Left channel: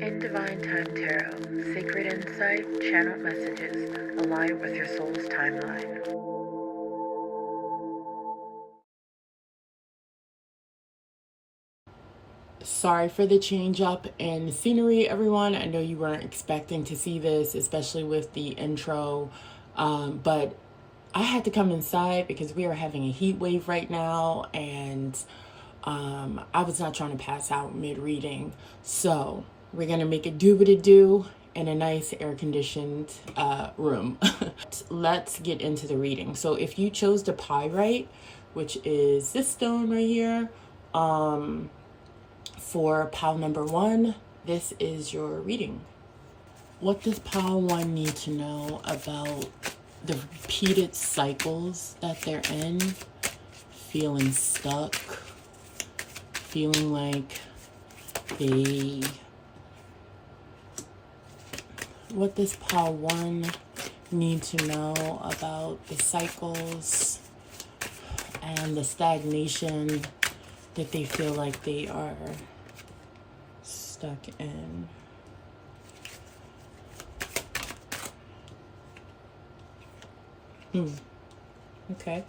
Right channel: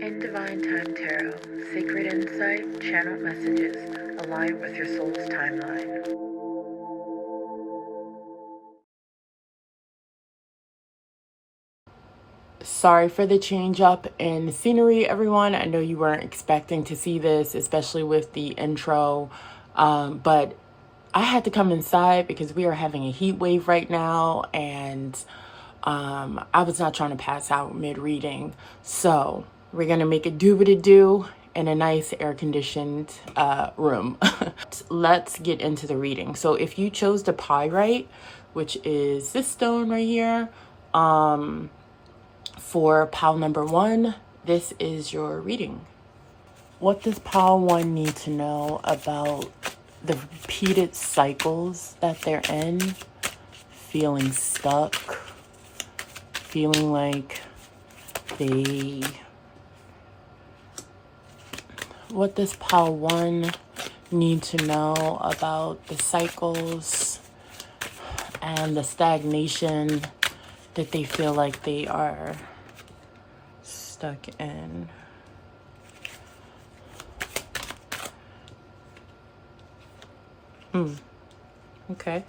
In Divine Time Tarot, sacred insight, channeled messages align with your soul's timeline. Sorry for the change up in scenery, everyone. I know you weren't expecting to see this, especially with the intro, but I had to come inside because we are having a heat wave right now, and I was not trying to pass out mid-reading. So we're going to make it do what it do in a nice air-conditioned room. Let's get into the reading. So if you chose the pyrite, which is this stone right here, for pile number 1, this is your reading. What does pile 1 need to know about the repeated cycles that they're in? Feeling stuck, feeling like what does pile 1 need to know about the cycles and the stagnation that they feel like they are stuck in? Okay.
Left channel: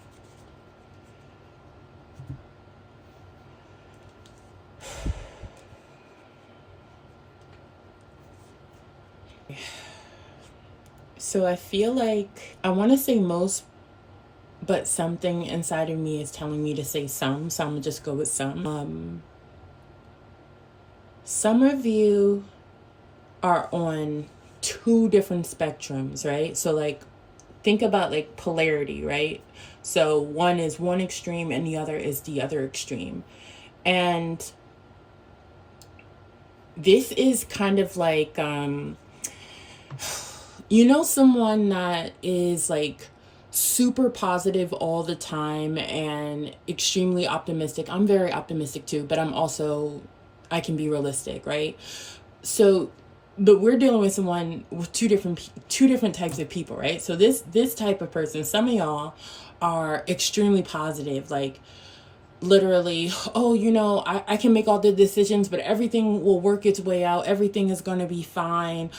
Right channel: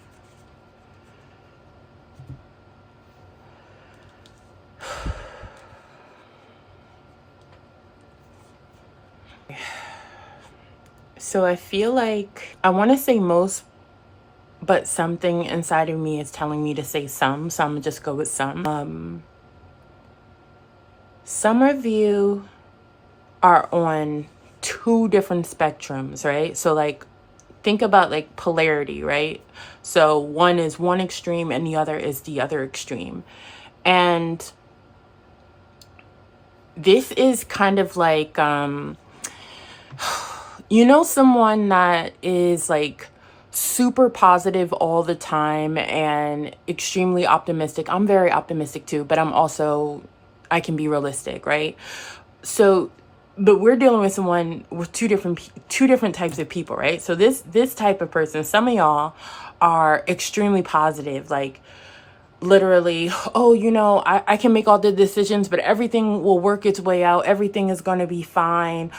So I feel like I want to say most, but something inside of me is telling me to say some, so I'm gonna just go with some. Some of you are on 2 different spectrums, right? So like, think about like polarity, right? So one is one extreme and the other is the other extreme. And this is kind of like, you know, someone that is like super positive all the time and extremely optimistic. I'm very optimistic too, but I can be realistic, right? So, but we're dealing with someone with two different types of people, right? So this type of person, some of y'all are extremely positive, like literally, oh, you know, I can make all the decisions, but everything will work its way out. Everything is going to be fine.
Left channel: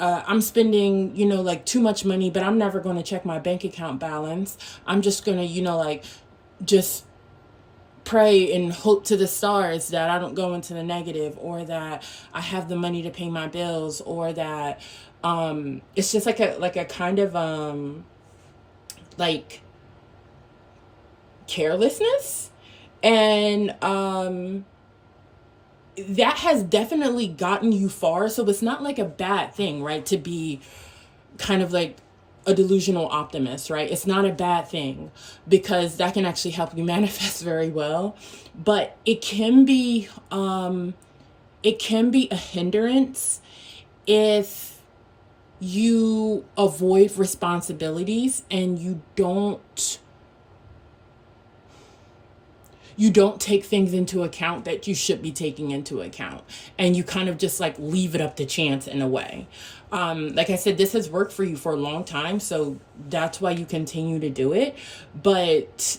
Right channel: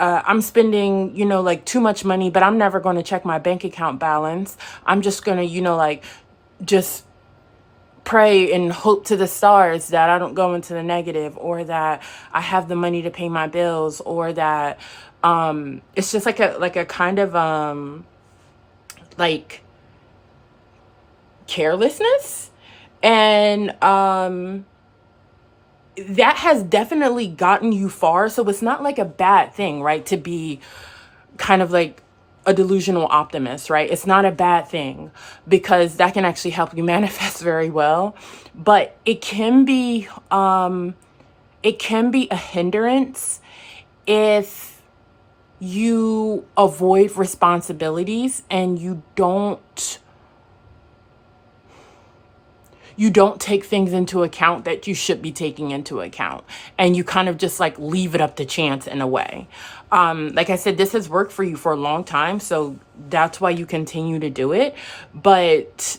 I'm spending, you know, like too much money, but I'm never going to check my bank account balance. I'm just going to, you know, like just pray and hope to the stars that I don't go into the negative, or that I have the money to pay my bills, or that it's just like a kind of like carelessness. And that has definitely gotten you far. So it's not like a bad thing, right? To be kind of like a delusional optimist, right? It's not a bad thing, because that can actually help you manifest very well. But it can be a hindrance if you avoid responsibilities and you don't take things into account that you should be taking into account, and you kind of just like leave it up to chance in a way. Like I said, this has worked for you for a long time, so that's why you continue to do it. But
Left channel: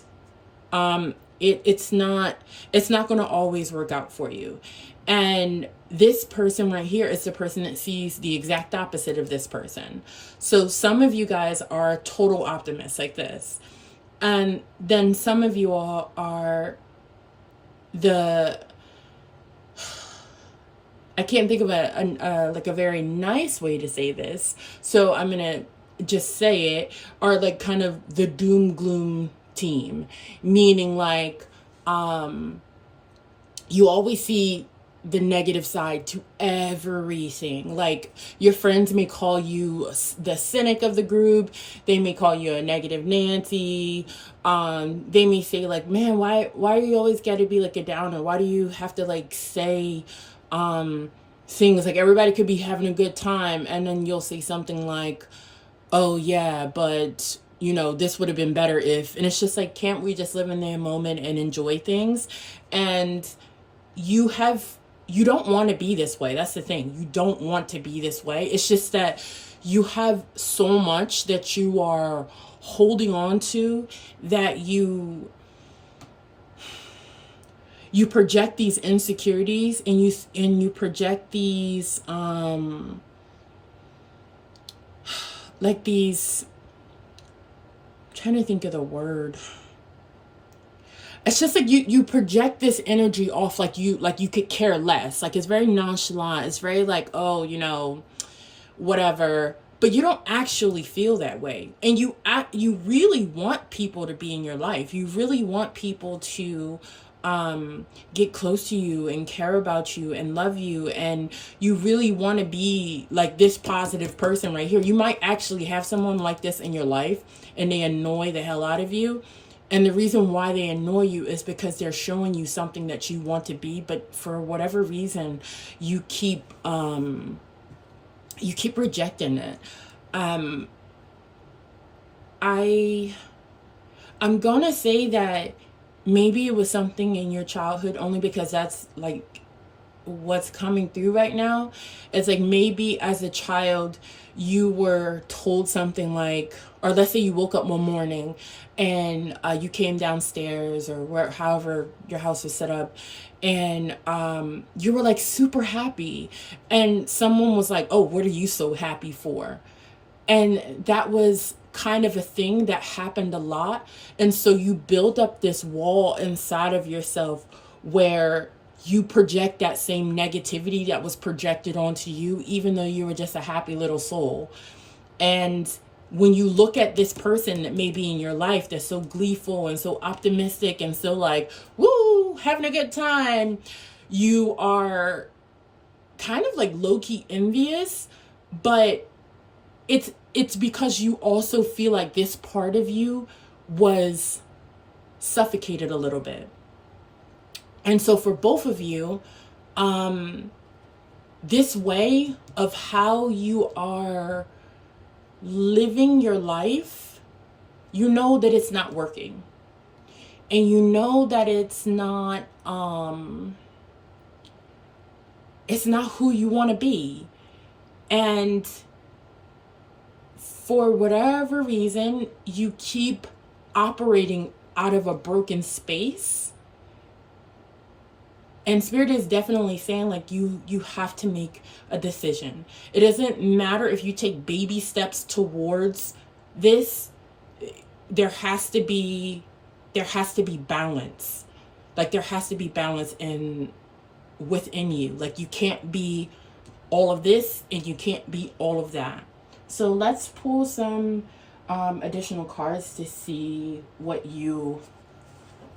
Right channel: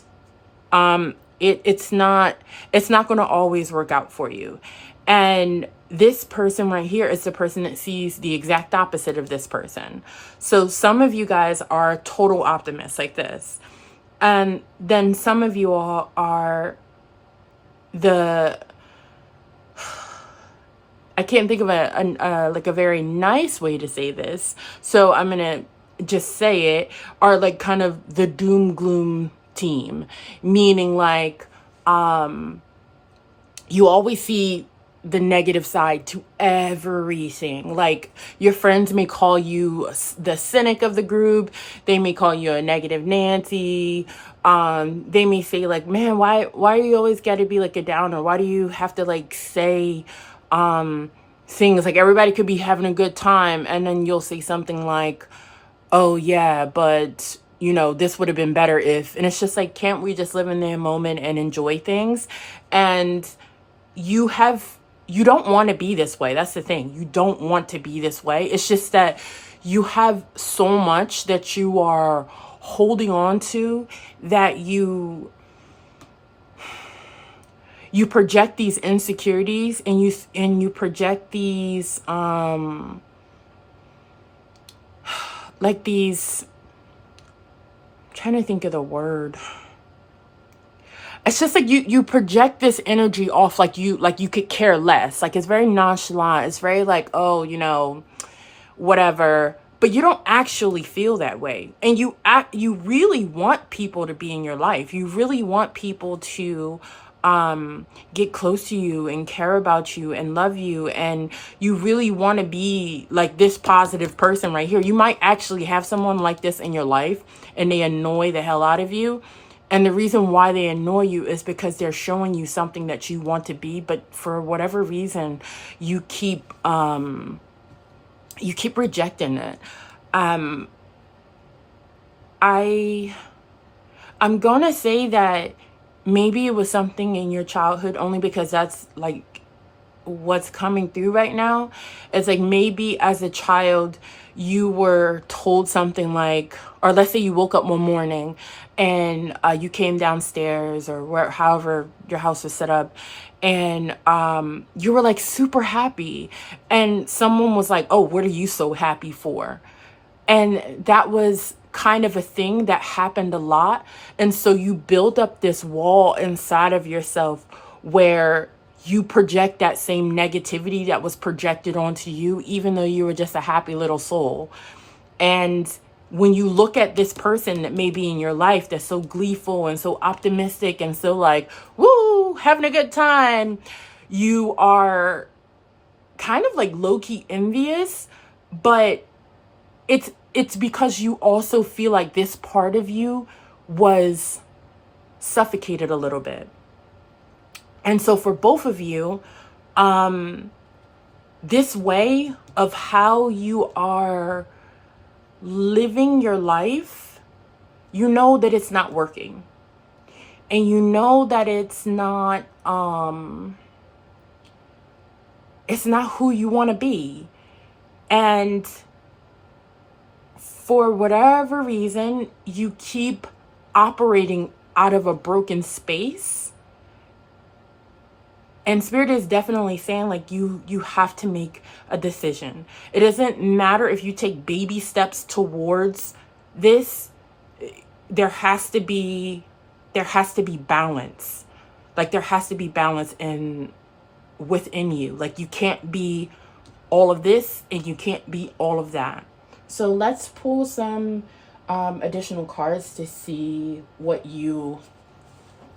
it's not going to always work out for you. And this person right here is the person that sees the exact opposite of this person. So some of you guys are total optimists like this, and then some of you all are I can't think of a very nice way to say this, so I'm gonna just say it, are like kind of the doom gloom team, meaning like you always see the negative side to everything. Like your friends may call you the cynic of the group. They may call you a negative Nancy. They may say like, man, why do you always got to be like a downer? Why do you have to like say things like everybody could be having a good time, and then you'll say something like, oh yeah, but you know, this would have been better if. And it's just like, can't we just live in the moment and enjoy things? And you don't want to be this way. That's the thing. You don't want to be this way. It's just that you have so much that you are holding on to that you you project these insecurities, and you project these like these, I'm trying to think of the word. It's just like you project this energy off, like you could care less. Like, it's very nonchalant. It's very like, oh, you know, whatever. But you don't actually feel that way. And you really want people to be in your life. You really want people to get close to you and care about you and love you. And you really want to be like this positive person right here. You might actually have someone like this in your life, and they annoy the hell out of you. And the reason why they annoy you is because they're showing you something that you want to be, but for whatever reason, you keep rejecting it. I'm gonna say that maybe it was something in your childhood, only because that's like what's coming through right now. It's like maybe as a child you were told something like, or let's say you woke up one morning and you came downstairs, or however your house was set up, and you were like super happy, and someone was like, oh, what are you so happy for? And that was kind of a thing that happened a lot. And so you build up this wall inside of yourself where you project that same negativity that was projected onto you, even though you were just a happy little soul. And when you look at this person that may be in your life that's so gleeful and so optimistic and so like, woo, having a good time, you are kind of like low-key envious. But it's because you also feel like this part of you was suffocated a little bit. And so for both of you, this way of how you are living your life, you know that it's not working. And you know that it's not who you want to be. And for whatever reason, you keep operating out of a broken space. And Spirit is definitely saying like you have to make a decision. It doesn't matter if you take baby steps towards this. There has to be balance. Like there has to be balance within you. Like you can't be all of this and you can't be all of that. So let's pull some additional cards to see what you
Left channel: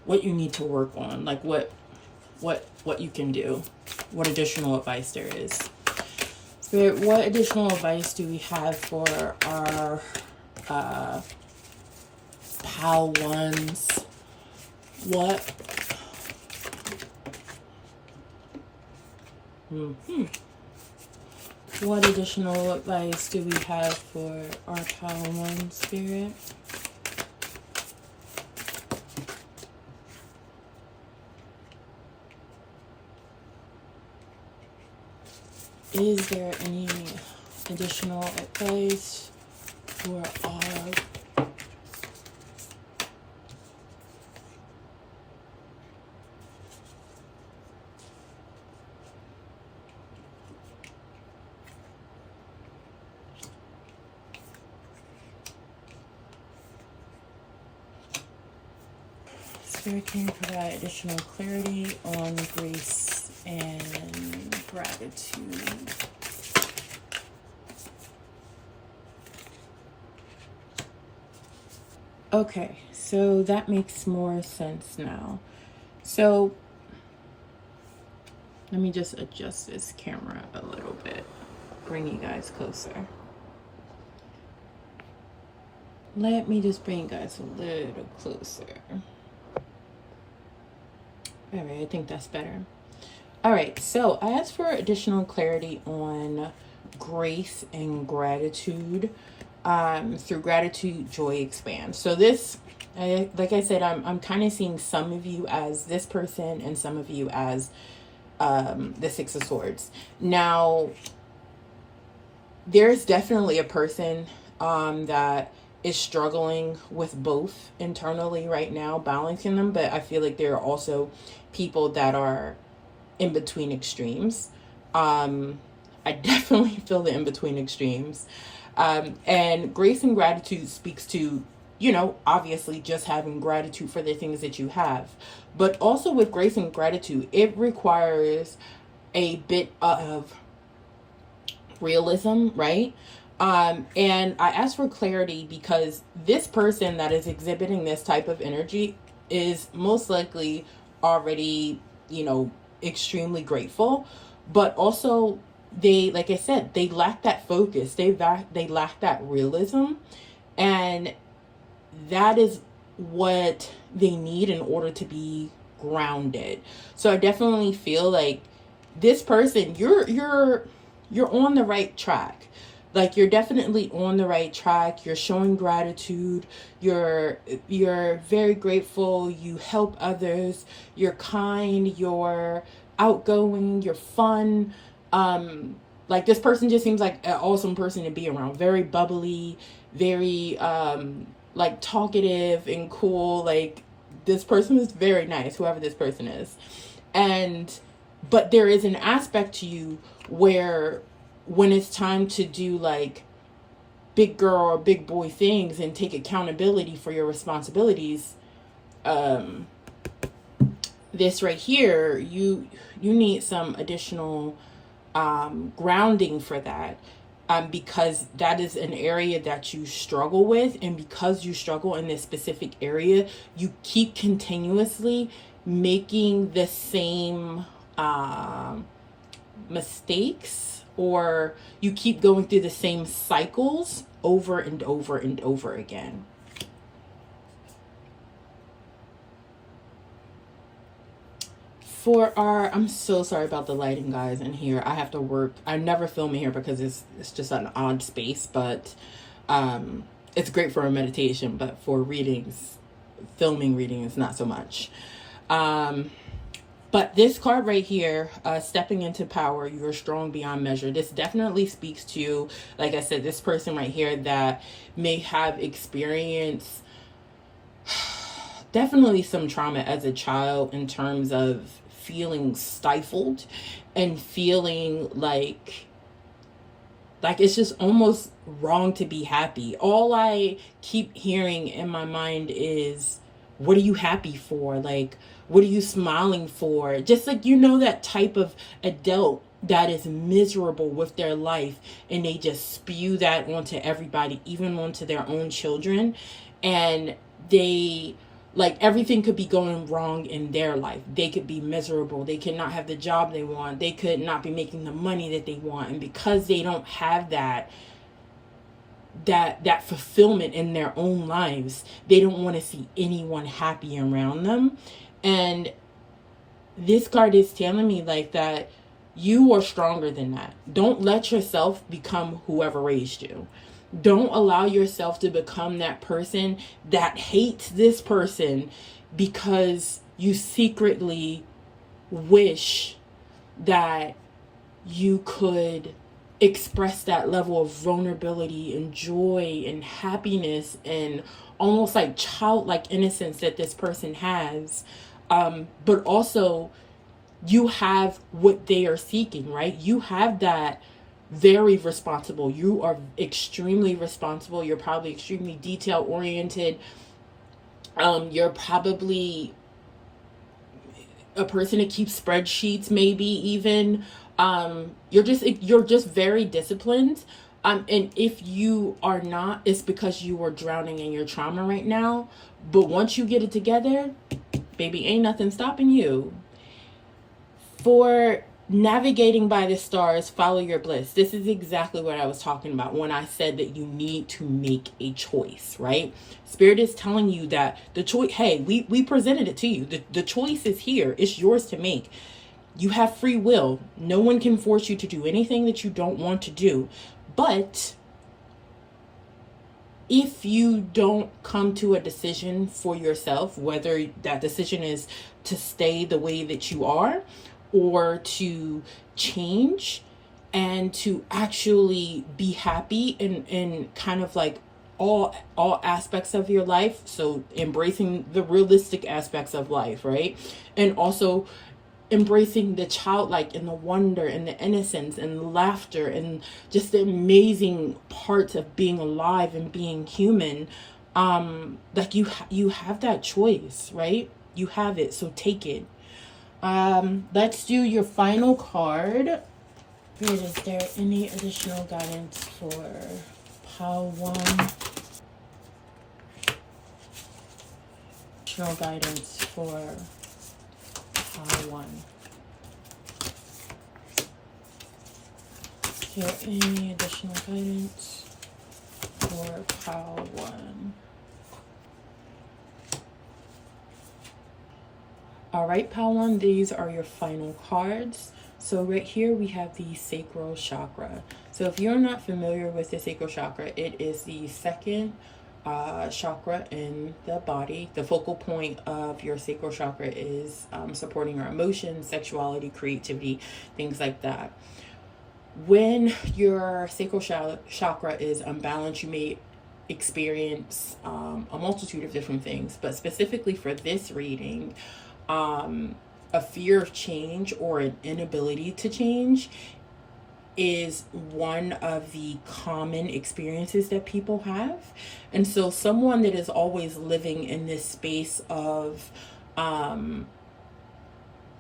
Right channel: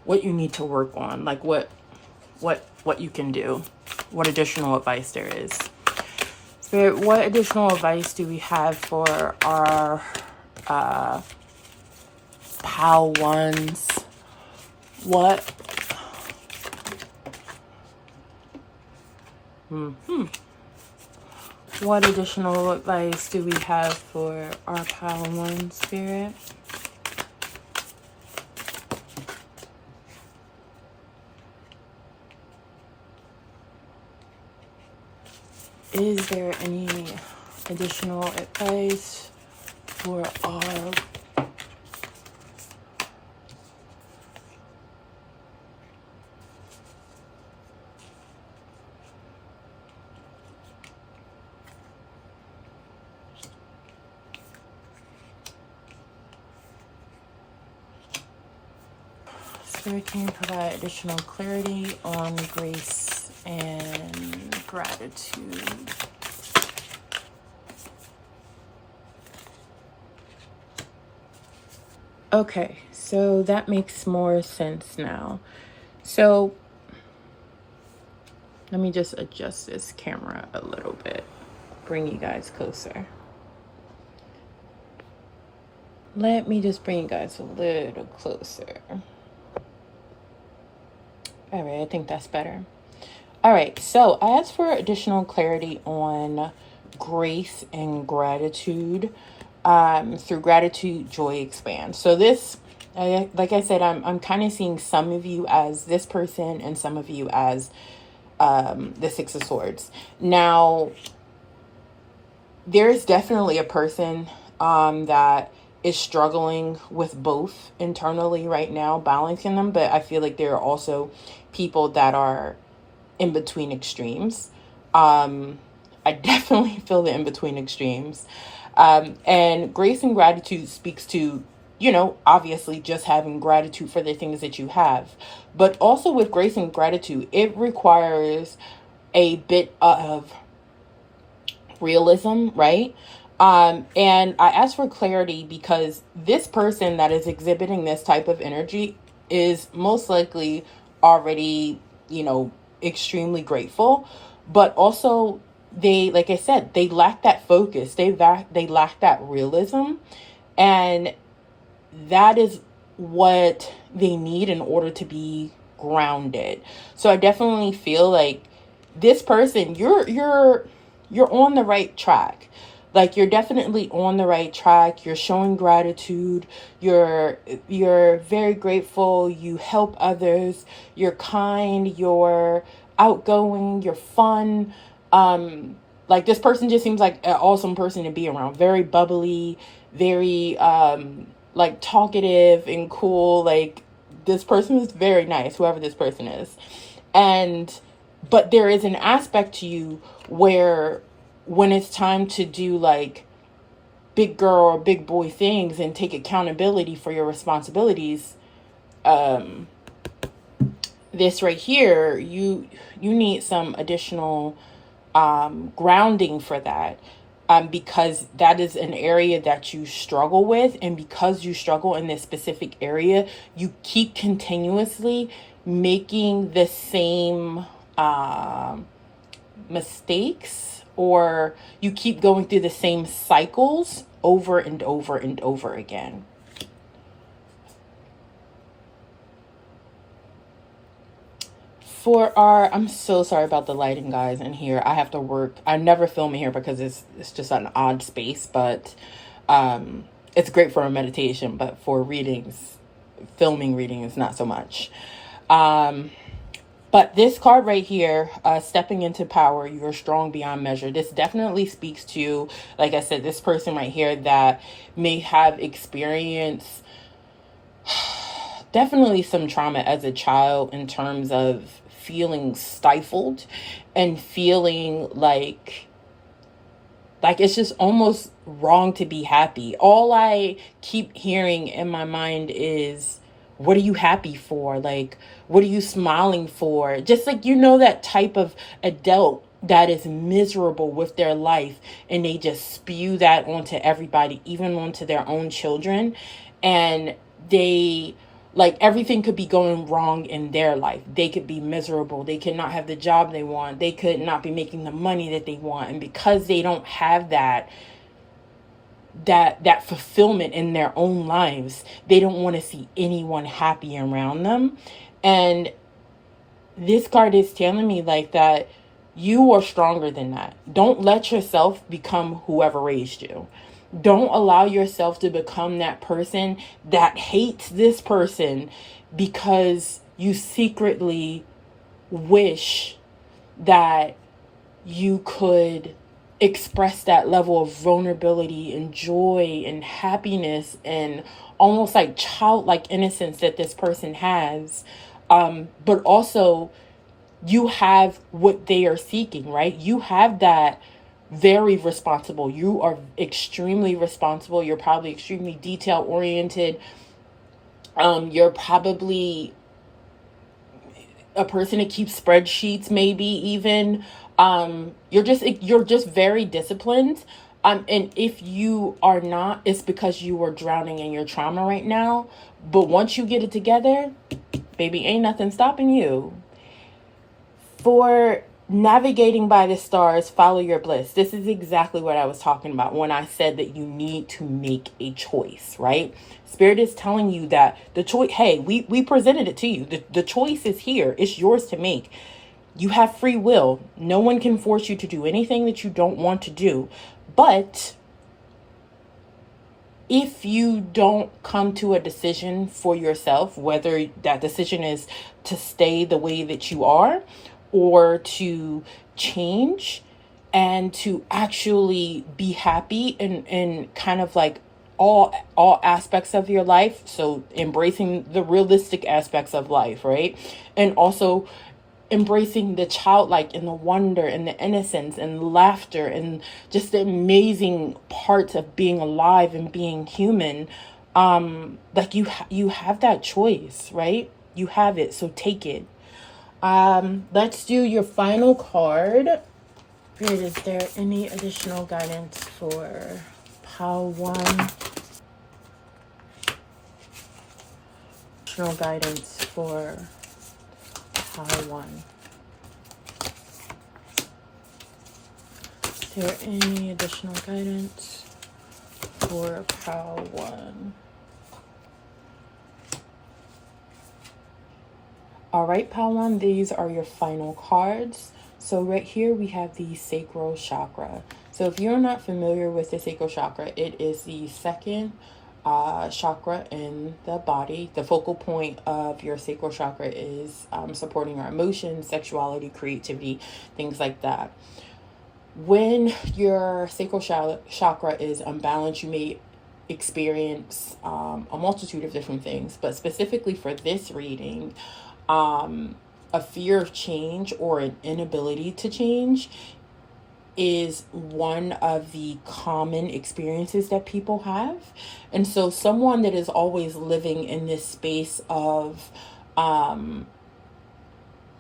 need to work on, like what you can do, what additional advice there is. Spirit, what additional advice do we have for our pal ones? What additional advice do we have for our pal one, Spirit? Is there any additional advice for our Spirit, can you provide additional clarity on grace and gratitude? Okay, so that makes more sense now. So let me just adjust this camera a little bit, bring you guys closer. Let me just bring you guys a little closer. All right, I think that's better. All right, so I asked for additional clarity on grace and gratitude through gratitude, joy, expand. So this, like I said, I'm kind of seeing some of you as this person and some of you as the Six of Swords. Now, there's definitely a person that is struggling with both internally right now, balancing them, but I feel like there are also people that are in between extremes. I definitely feel the in between extremes. And grace and gratitude speaks to, obviously just having gratitude for the things that you have. But also with grace and gratitude, it requires a bit of realism, right? And I ask for clarity because this person that is exhibiting this type of energy is most likely already, extremely grateful, but also like I said, they lack that focus. They lack that realism, and that is what they need in order to be grounded. So I definitely feel like this person, you're on the right track. Like, you're definitely on the right track. You're showing gratitude. You're very grateful. You help others. You're kind. You're outgoing. You're fun. Like, this person just seems like an awesome person to be around. Very bubbly, very like talkative and cool. Like, this person is very nice, whoever this person is. But there is an aspect to you where when it's time to do like big girl or big boy things and take accountability for your responsibilities, this right here, you need some additional grounding for that, because that is an area that you struggle with. And because you struggle in this specific area, you keep continuously making the same mistakes, or you keep going through the same cycles over and over and over again. I'm so sorry about the lighting, guys, in here. I have to work. I never film in here because it's just an odd space, but it's great for a meditation, but for filming readings, not so much. But this card right here, stepping into power, you're strong beyond measure. This definitely speaks to, like I said, this person right here that may have experienced definitely some trauma as a child in terms of feeling stifled and feeling like it's just almost wrong to be happy. All I keep hearing in my mind is, what are you happy for? Like, what are you smiling for? Just like, that type of adult that is miserable with their life and they just spew that onto everybody, even onto their own children. And they, like, everything could be going wrong in their life. They could be miserable. They could not have the job they want. They could not be making the money that they want. And because they don't have that fulfillment in their own lives, they don't want to see anyone happy around them. And this card is telling me like that you are stronger than that. Don't let yourself become whoever raised you. Don't allow yourself to become that person that hates this person because you secretly wish that you could express that level of vulnerability and joy and happiness and almost like childlike innocence that this person has. But also, you have what they are seeking, right? You have that very responsible. You are extremely responsible. You're probably extremely detail oriented. You're probably a person that keeps spreadsheets, maybe even. You're just very disciplined. And if you are not, it's because you are drowning in your trauma right now. But once you get it together, baby, ain't nothing stopping you. For navigating by the stars, follow your bliss. This is exactly what I was talking about when I said that you need to make a choice, right? Spirit is telling you that the choice, hey, we presented it to you. The choice is here. It's yours to make. You have free will. No one can force you to do anything that you don't want to do. But if you don't come to a decision for yourself, whether that decision is to stay the way that you are or to change and to actually be happy and kind of like all aspects of your life. So embracing the realistic aspects of life, right? And also embracing the childlike and the wonder and the innocence and laughter and just the amazing parts of being alive and being human. Like you have that choice, right? You have it, so take it. Let's do your final card. Is there any additional guidance for pile 1? Additional guidance for pile 1. Is there any additional guidance for pile 1? All right, pile 1, these are your final cards. So right here we have the sacral chakra. So if you're not familiar with the sacral chakra, it is the second chakra in the body. The focal point of your sacral chakra is supporting your emotions, sexuality, creativity, things like that. When your sacral chakra is unbalanced, you may experience a multitude of different things, but specifically for this reading, a fear of change or an inability to change is one of the common experiences that people have. And so someone that is always living in this space of I'm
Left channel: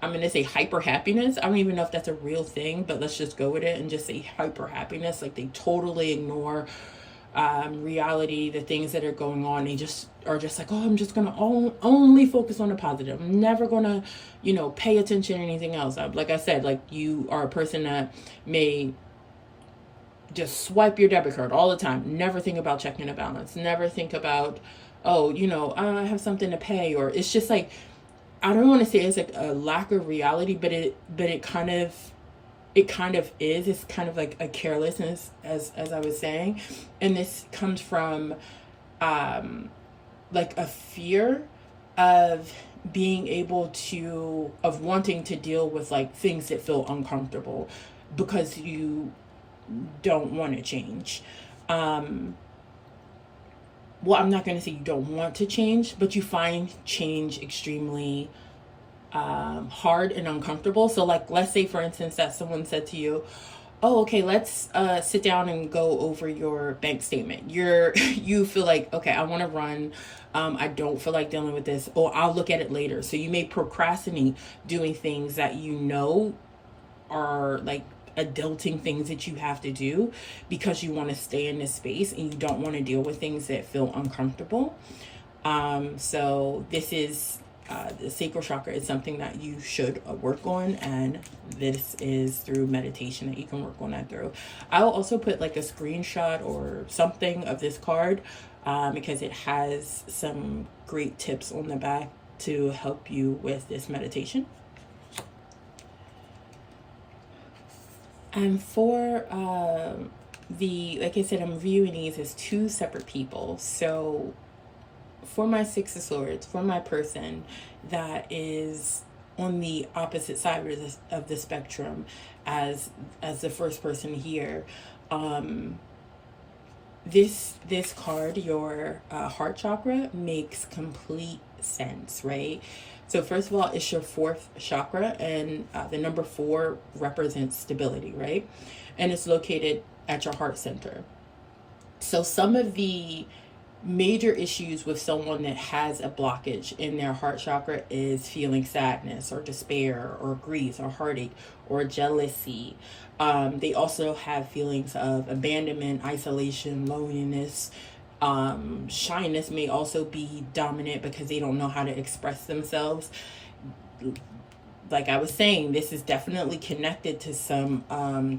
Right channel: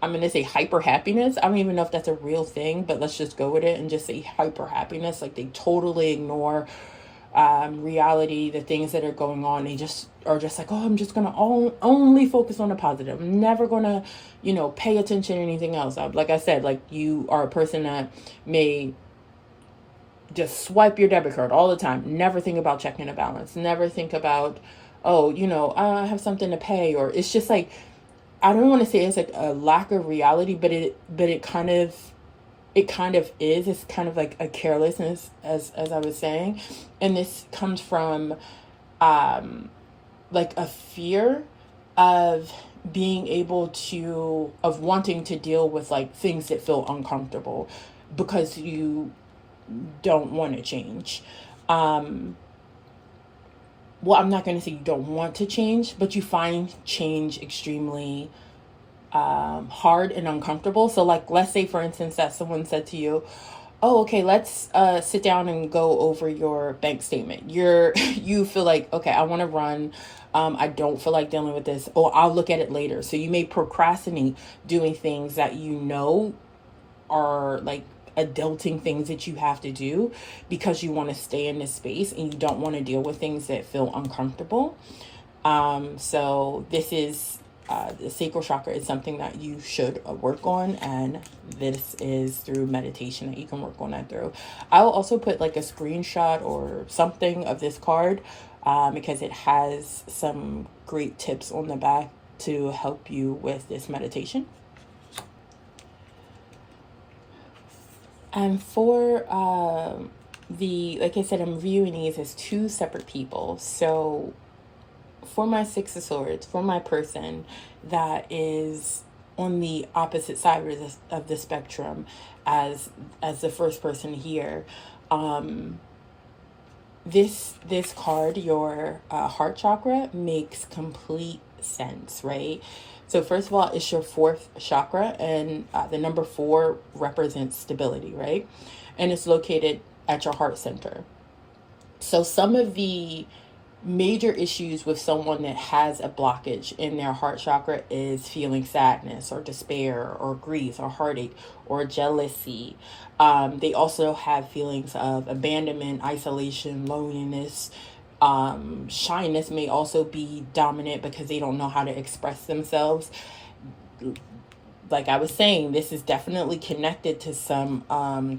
going to say hyper happiness. I don't even know if that's a real thing, but let's just go with it and just say hyper happiness. Like they totally ignore reality, the things that are going on. They just are just like, oh, I'm just gonna only focus on the positive. I'm never gonna, pay attention to anything else. Like I said, like you are a person that may just swipe your debit card all the time. Never think about checking a balance. Never think about, oh, I have something to pay. Or it's just like, I don't want to say it's like a lack of reality, but it kind of is. It's kind of like a carelessness, as I was saying. And this comes from like a fear of of wanting to deal with like things that feel uncomfortable because you don't want to change. Well, I'm not going to say you don't want to change, but you find change extremely hard and uncomfortable. So like, let's say for instance that someone said to you, oh, okay, let's sit down and go over your bank statement. You feel like, okay, I want to run. I don't feel like dealing with this, or I'll look at it later. So you may procrastinate doing things that are like adulting things that you have to do because you want to stay in this space and you don't want to deal with things that feel uncomfortable. So this is the sacral chakra is something that you should work on, and this is through meditation that you can work on that through. I'll also put like a screenshot or something of this card because it has some great tips on the back to help you with this meditation. And for like I said, I'm viewing these as two separate people. So for my Six of Swords, for my person that is on the opposite side of the spectrum as the first person here, this card, your heart chakra, makes complete sense, right? So first of all, it's your fourth chakra, and the number 4 represents stability, right? And it's located at your heart center. So some of the major issues with someone that has a blockage in their heart chakra is feeling sadness or despair or grief or heartache or jealousy. They also have feelings of abandonment, isolation, loneliness. Shyness may also be dominant because they don't know how to express themselves. Like I was saying, this is definitely connected to some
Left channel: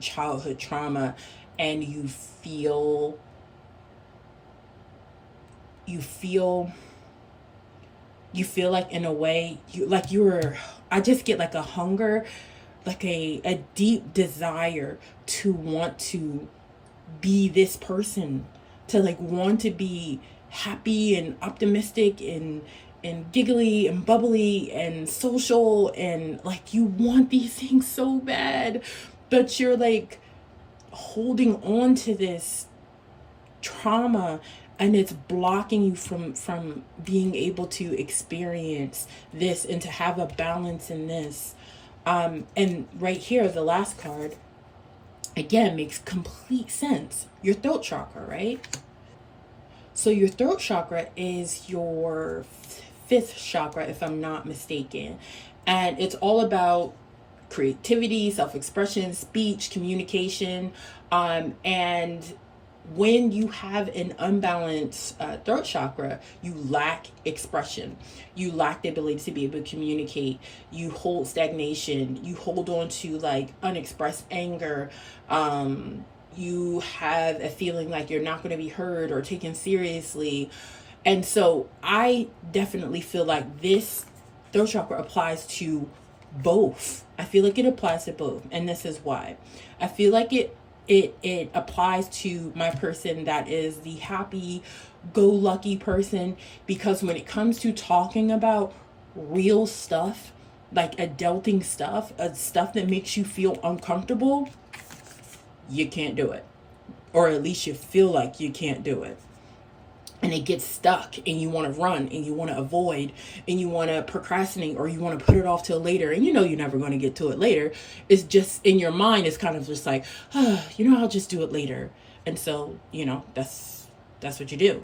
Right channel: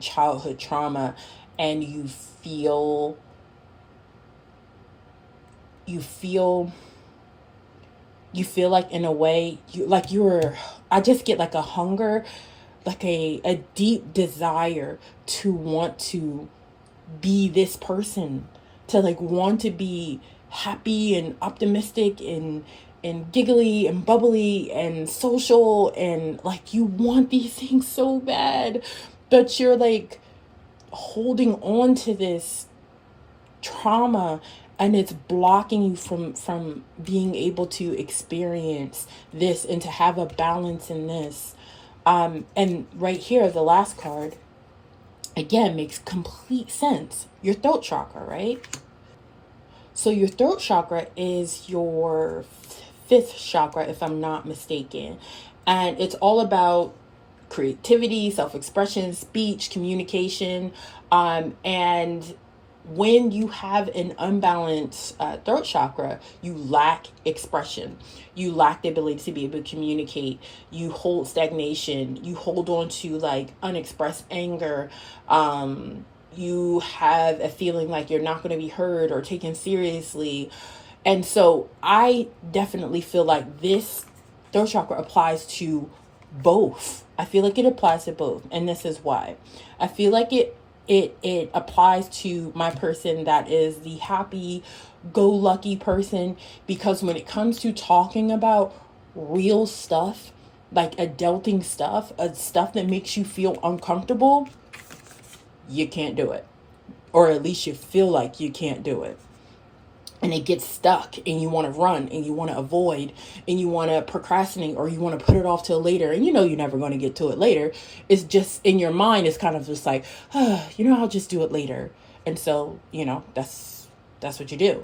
childhood trauma, and you feel like in a way I just get like a hunger, like a deep desire to want to be this person, to like want to be happy and optimistic and giggly and bubbly and social, and like you want these things so bad, but you're like holding on to this trauma and it's blocking you from being able to experience this and to have a balance in this. And right here, the last card, again, makes complete sense. Your throat chakra, right? So your throat chakra is your fifth chakra, if I'm not mistaken. And it's all about creativity, self-expression, speech, communication. And when you have an unbalanced throat chakra, you lack expression. You lack the ability to be able to communicate. You hold stagnation. You hold on to like unexpressed anger. You have a feeling like you're not going to be heard or taken seriously. And so I definitely feel like this throat chakra applies to both. I feel like it applies to both. And this is why. I feel like it applies to my person that is the happy go lucky person, because when it comes to talking about real stuff, like adulting stuff, stuff that makes you feel uncomfortable, you can't do it. Or at least you feel like you can't do it. And it gets stuck and you want to run and you want to avoid and you want to procrastinate or you want to put it off till later, and you know you're never going to get to it later. It's just in your mind, it's kind of just like, I'll just do it later. And so, that's what you do.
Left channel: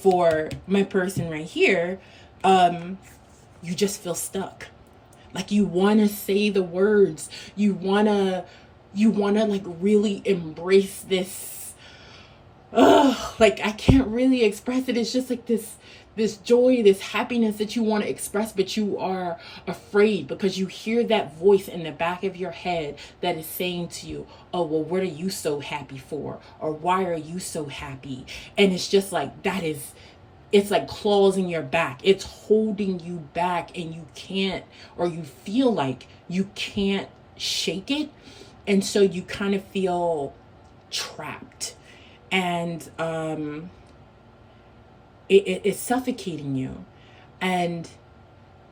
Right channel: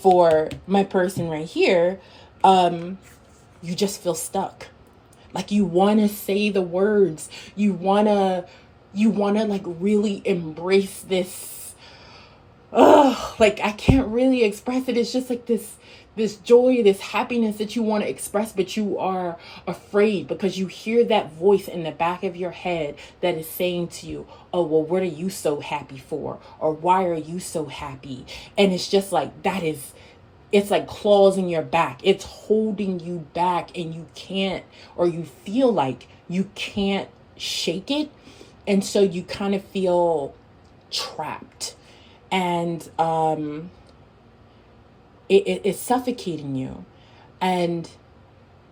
For my person right here, you just feel stuck. Like you want to say the words. You want to like really embrace this. Like I can't really express it. It's just like this joy, this happiness that you want to express, but you are afraid because you hear that voice in the back of your head that is saying to you, oh, well, what are you so happy for? Or why are you so happy? And it's just like, it's like claws in your back. It's holding you back, and you can't, or you feel like you can't shake it. And so you kind of feel trapped. And it's suffocating you, and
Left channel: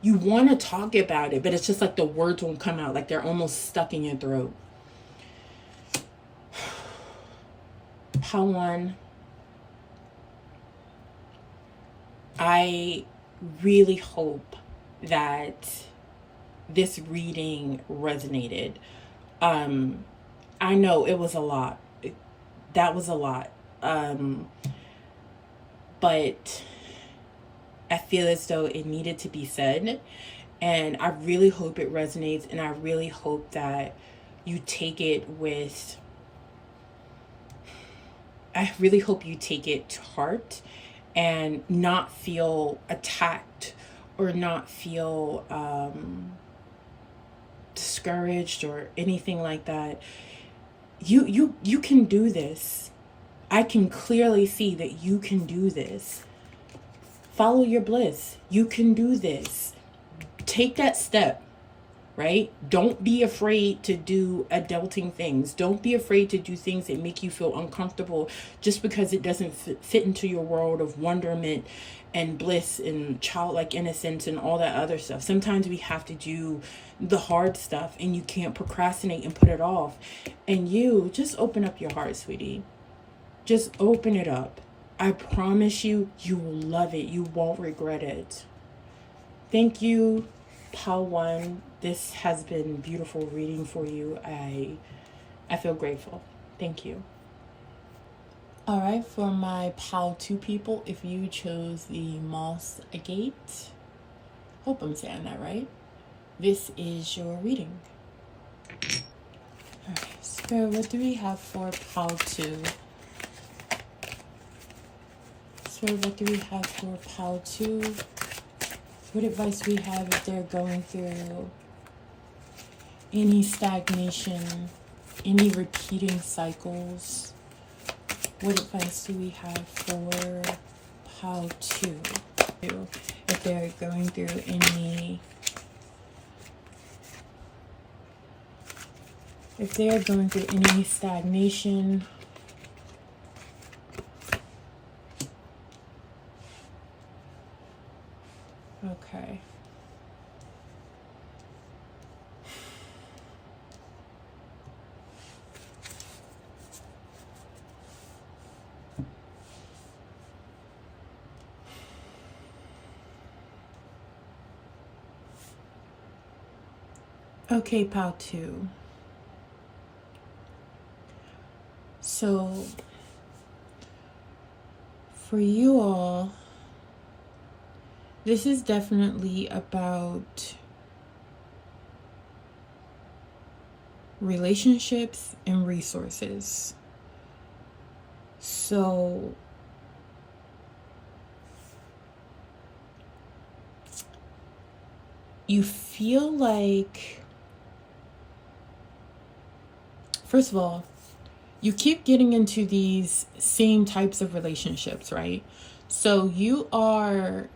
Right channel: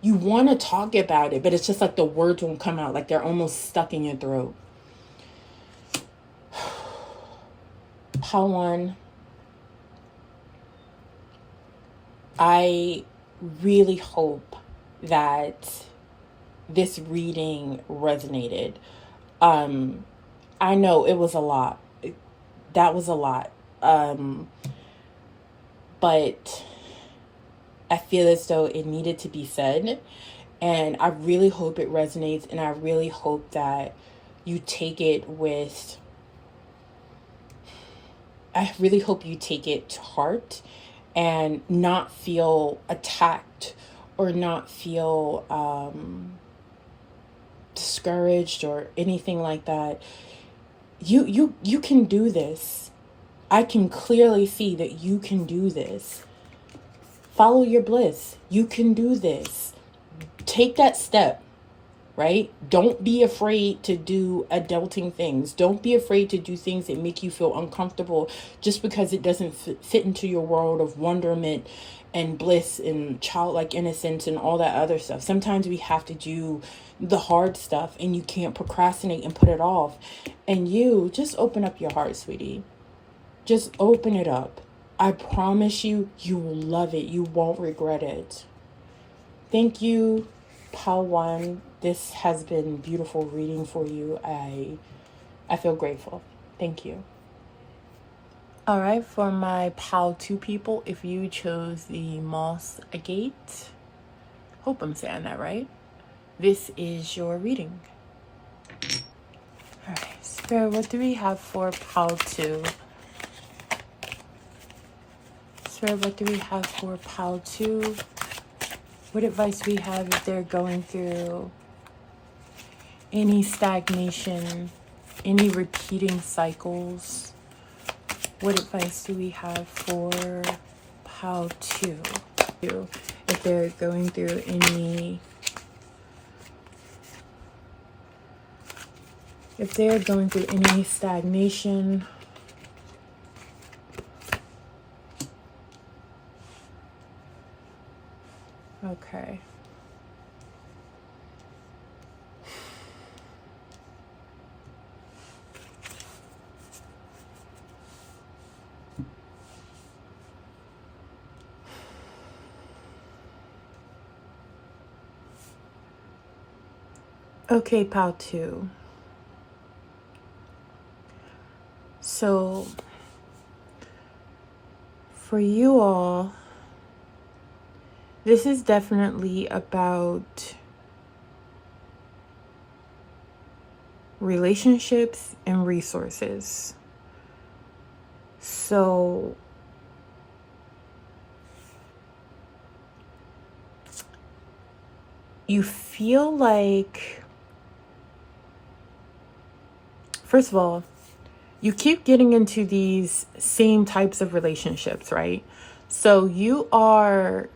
you want to talk about it, but it's just like the words won't come out, like they're almost stuck in your throat. Pawan, I really hope that this reading resonated. I know it was a lot. That was a lot. But I feel as though it needed to be said. And I really hope it resonates. And I really hope that you take it I really hope you take it to heart and not feel attacked or not feel discouraged or anything like that. You can do this. I can clearly see that you can do this. Follow your bliss. You can do this. Take that step, right? Don't be afraid to do adulting things. Don't be afraid to do things that make you feel uncomfortable just because it doesn't fit into your world of wonderment and bliss and childlike innocence and all that other stuff. Sometimes we have to do the hard stuff, and you can't procrastinate and put it off. And you just open up your heart, sweetie. Just open it up. I promise you, you will love it. You won't regret it. Thank you, Pawan. This has been beautiful reading for you. I feel grateful. Thank you. All right, for my PAL 2 people, if you chose the Moss Agate, hope I'm saying that right, this is your reading. All right, Spirit, what do we have for PAL 2? Spirit, what do we have for PAL 2? What advice we have if they're going through any stagnation, any repeating cycles? What advice do we have for PAL 2? If they're going through any stagnation, okay. Okay, pile 2. So for you all, this is definitely about relationships and resources. So you feel like, first of all, you keep getting into these same types of relationships, right? So you are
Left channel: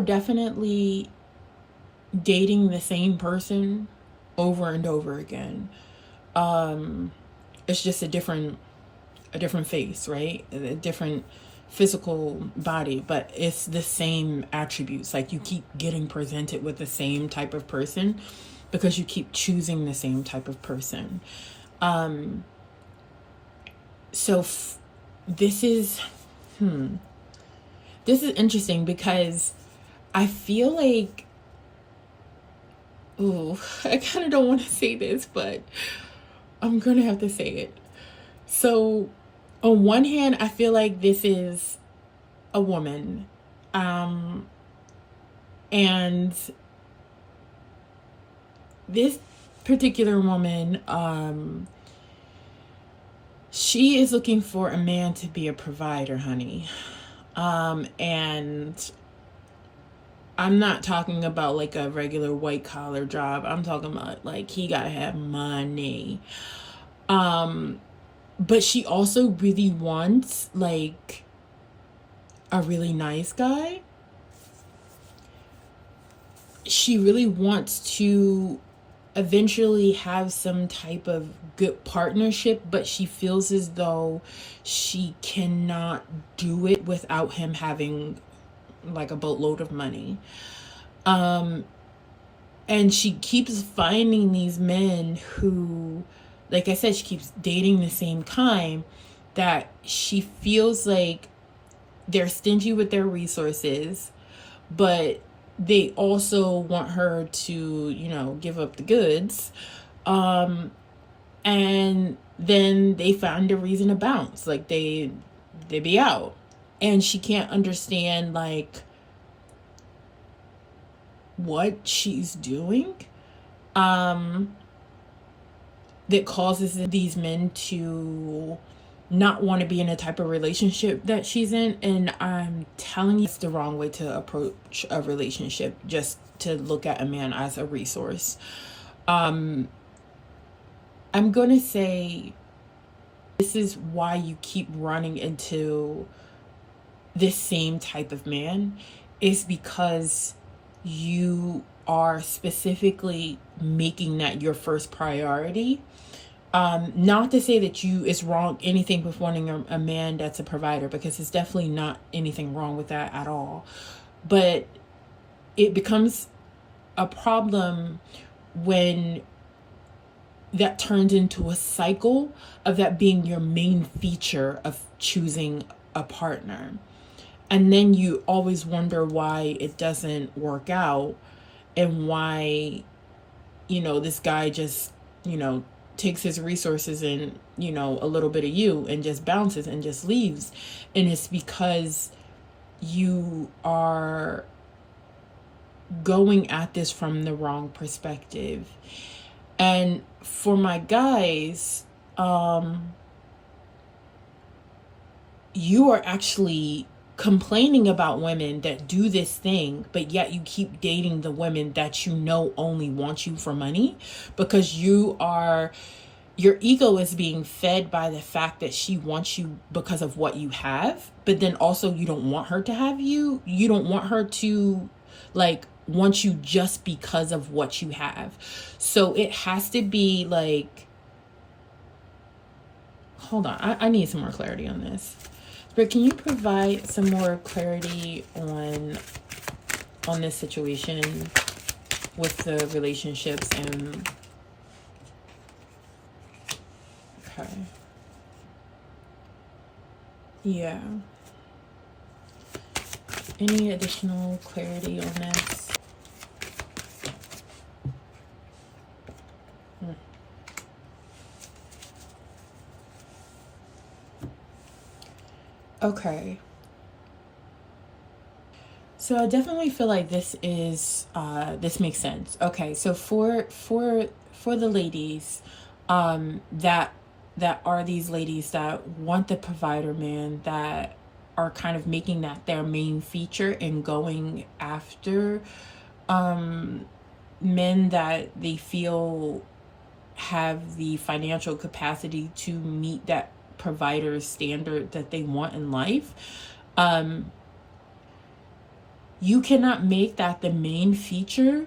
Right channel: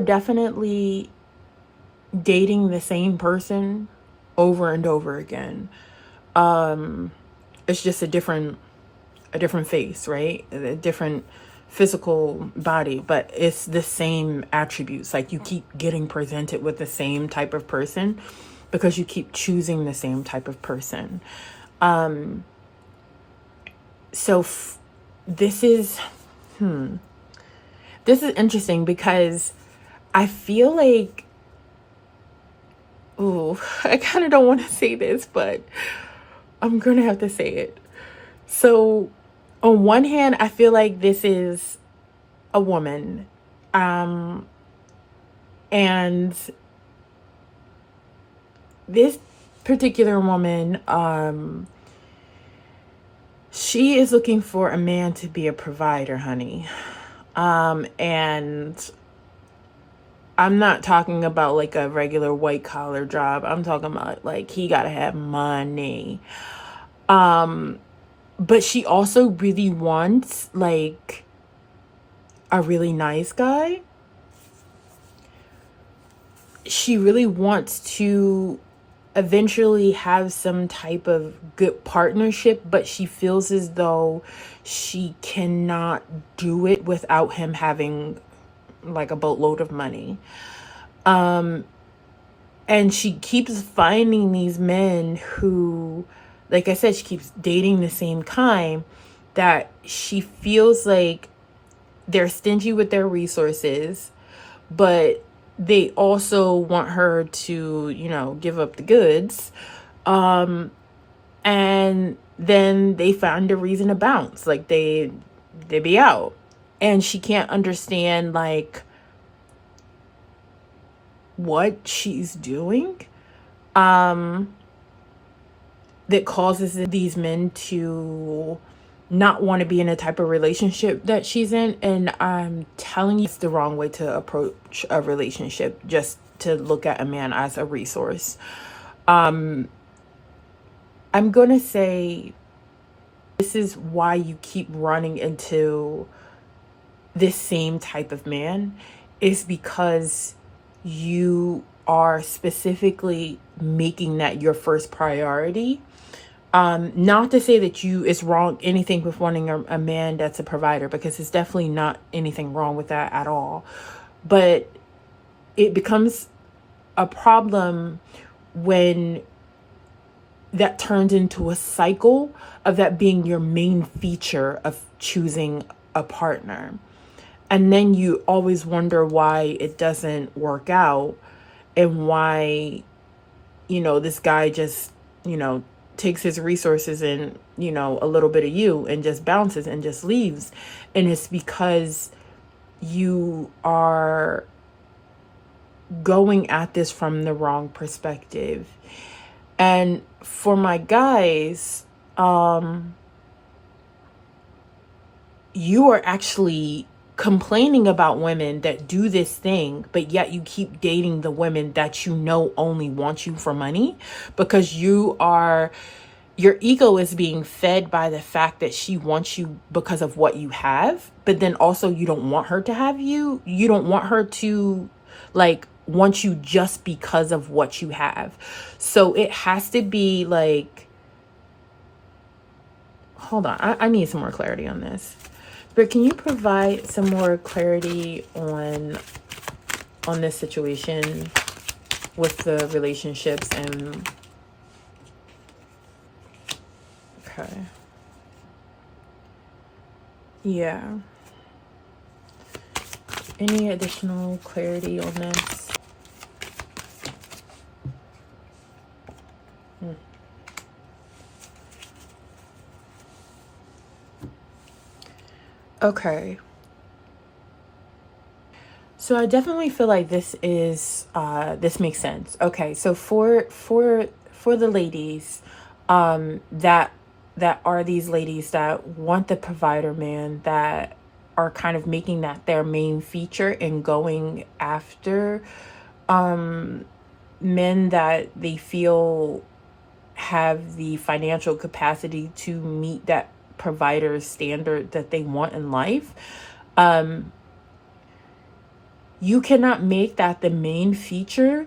definitely dating the same person over and over again. It's just a different face, right? A different physical body, but it's the same attributes. Like, you keep getting presented with the same type of person because you keep choosing the same type of person. So this is interesting because I feel like, ooh, I kind of don't want to say this, but I'm gonna have to say it. So on one hand, I feel like this is a woman, and this particular woman, she is looking for a man to be a provider, honey. And I'm not talking about like a regular white collar job. I'm talking about like he gotta have money. But she also really wants like a really nice guy. She really wants to eventually have some type of good partnership, but she feels as though she cannot do it without him having like a boatload of money. And she keeps finding these men who, like I said, she keeps dating the same kind, that she feels like they're stingy with their resources, but they also want her to, you know, give up the goods. And then they find a reason to bounce. Like they be out. And she can't understand like what she's doing that causes these men to not want to be in a type of relationship that she's in. And I'm telling you, it's the wrong way to approach a relationship, just to look at a man as a resource. I'm gonna say this is why you keep running into this same type of man, is because you are specifically making that your first priority. Not to say that it's wrong, anything with wanting a man that's a provider, because it's definitely not anything wrong with that at all. But it becomes a problem when that turns into a cycle of that being your main feature of choosing a partner. And then you always wonder why it doesn't work out, and why, you know, this guy just, you know, takes his resources and, you know, a little bit of you and just bounces and just leaves. And it's because you are going at this from the wrong perspective. And for my guys, you are actually complaining about women that do this thing, but yet you keep dating the women that you know only want you for money, because your ego is being fed by the fact that she wants you because of what you have, but then also you don't want her to have you. You don't want her to like want you just because of what you have. So it has to be like, hold on, I need some more clarity on this. But can you provide some more clarity on this situation with the relationships and okay. Yeah. Any additional clarity on this? Okay. So I definitely feel like this makes sense. Okay, so for the ladies, that are these ladies that want the provider man, that are kind of making that their main feature and going after men that they feel have the financial capacity to meet that provider standard that they want in life. You cannot make that the main feature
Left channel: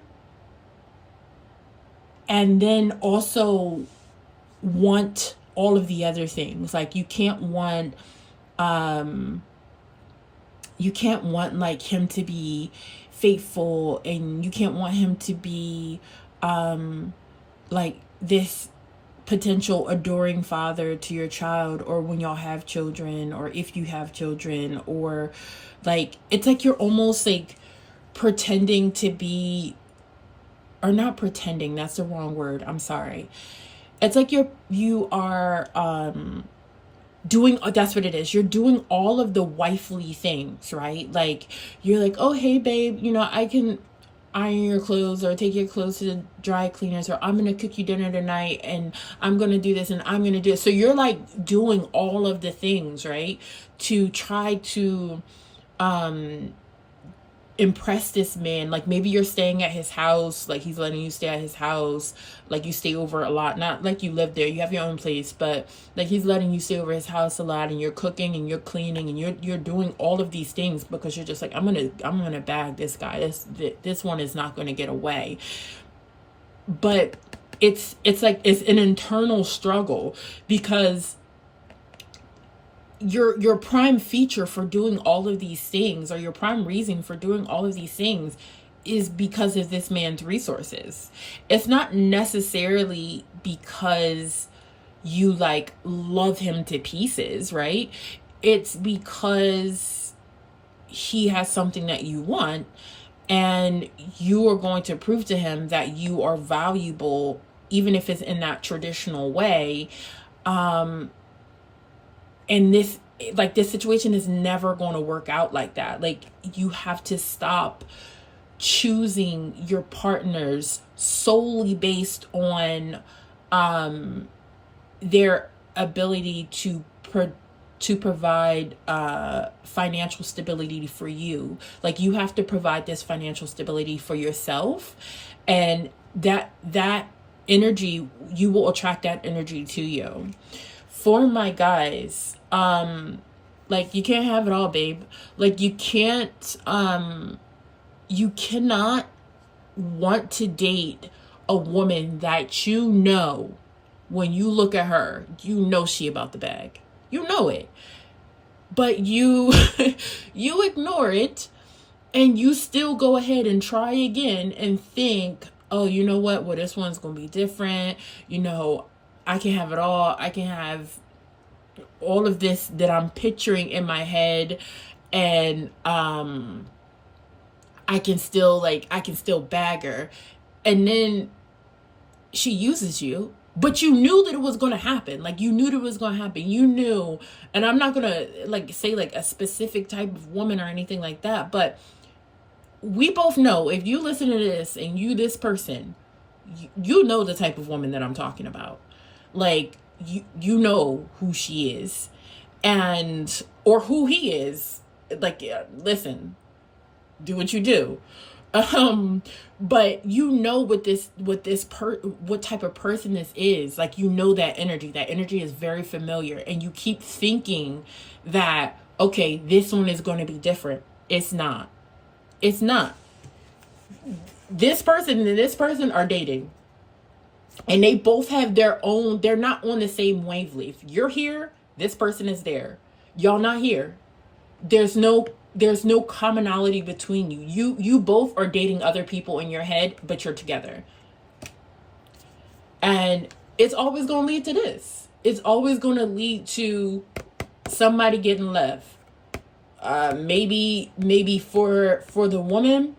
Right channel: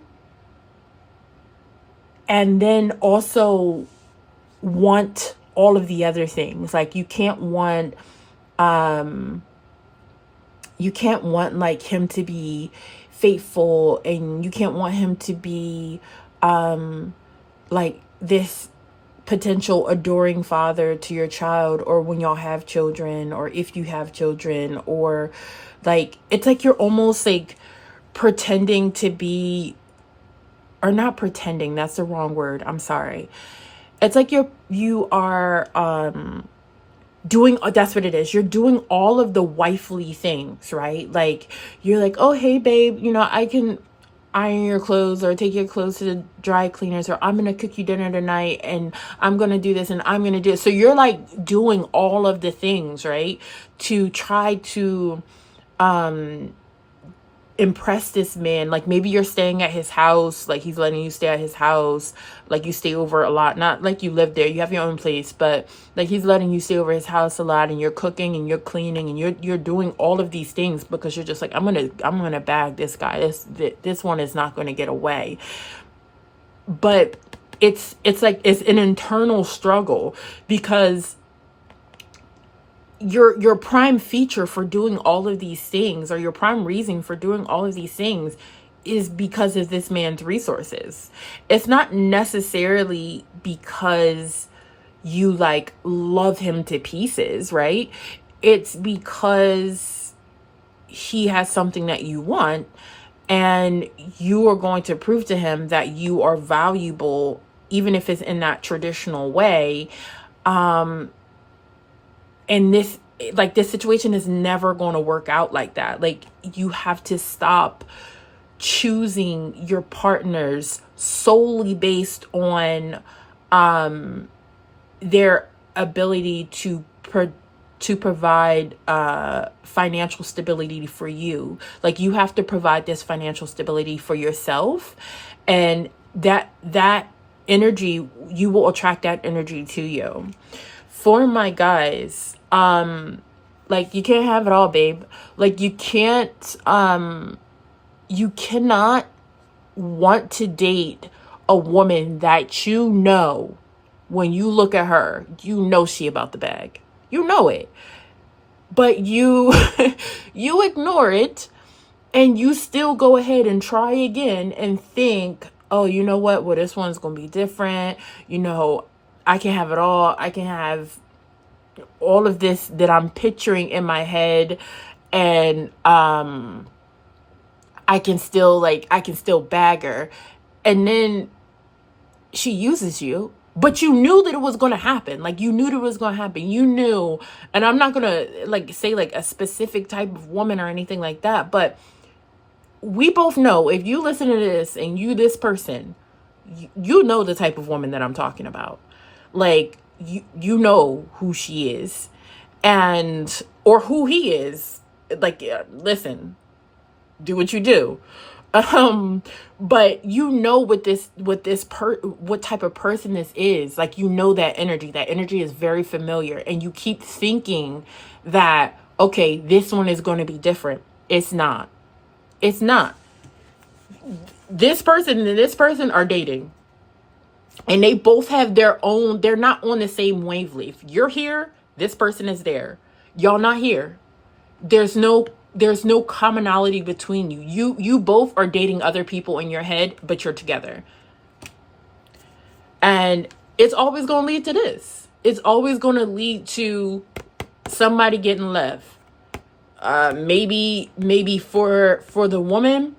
and then also want all of the other things. Like you can't want like him to be faithful, and you can't want him to be like this potential adoring father to your child, or when y'all have children, or if you have children, or like it's like you're almost like pretending to be, or not pretending, that's the wrong word, I'm sorry. It's like you are doing, that's what it is, you're doing all of the wifely things, right? Like you're like, oh hey babe, I can iron your clothes or take your clothes to the dry cleaners, or I'm gonna cook you dinner tonight, and I'm gonna do this, and I'm gonna do it. So you're like doing all of the things, right, to try to impress this man. Like maybe you're staying at his house, like he's letting you stay at his house, like you stay over a lot, not like you live there, you have your own place, but like he's letting you stay over his house a lot, and you're cooking and you're cleaning and you're doing all of these things because you're just like, I'm gonna bag this guy, this one is not going to get away. But it's like it's an internal struggle, because your prime feature for doing all of these things, or your prime reason for doing all of these things, is because of this man's resources. It's not necessarily because you like love him to pieces, right? It's because he has something that you want, and you are going to prove to him that you are valuable, even if it's in that traditional way. And this situation is never going to work out like that. Like you have to stop choosing your partners solely based on their ability to provide financial stability for you. Like you have to provide this financial stability for yourself, and that energy, you will attract that energy to you. For my guys, like you can't have it all, babe. Like you cannot want to date a woman that when you look at her, she about the bag. You know it. But you you ignore it, and you still go ahead and try again and think, oh, you know what? Well, this one's going to be different. I can have it all. I can have all of this that I'm picturing in my head, and I can still bag her. And then she uses you, but you knew that it was going to happen. Like you knew that it was going to happen. You knew, and I'm not going to like say like a specific type of woman or anything like that, but we both know, if you listen to this and this person, you know the type of woman that I'm talking about. Like you know who she is, or who he is. Like, listen, do what you do. But what type of person this is. Like, that energy is very familiar, and you keep thinking that, okay, this one is going to be different. It's not. This person and this person are dating, and they both have their own, they're not on the same wavelength. You're here, this person is there. Y'all not here. There's no commonality between you. You both are dating other people in your head, but you're together. And it's always going to lead to this. It's always going to lead to somebody getting left. Maybe for the woman,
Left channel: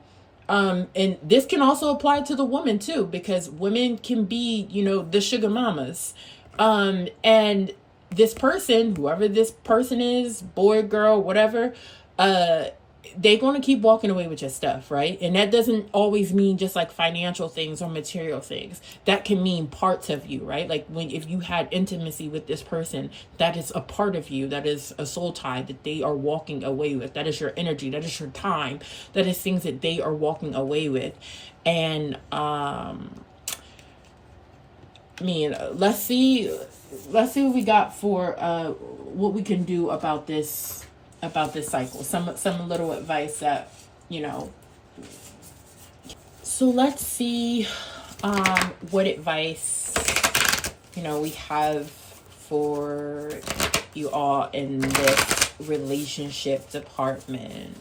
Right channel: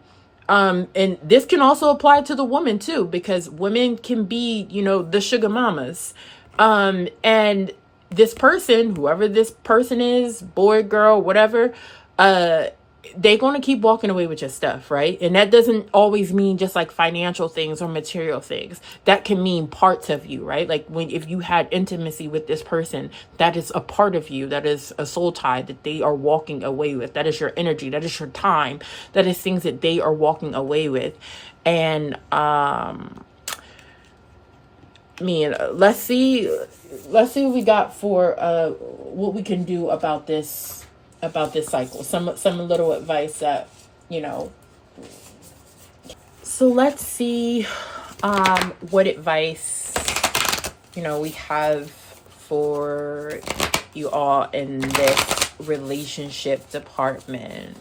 and this can also apply to the woman too, because women can be, the sugar mamas. And this person, whoever this person is, boy, girl, whatever, they're going to keep walking away with your stuff, right? And that doesn't always mean just like financial things or material things. That can mean parts of you, right? Like if you had intimacy with this person, that is a part of you, that is a soul tie that they are walking away with. That is your energy, that is your time, that is things that they are walking away with. And let's see what we got for what we can do about this cycle. Some little advice that, so let's see what advice we have for you all in this relationship department.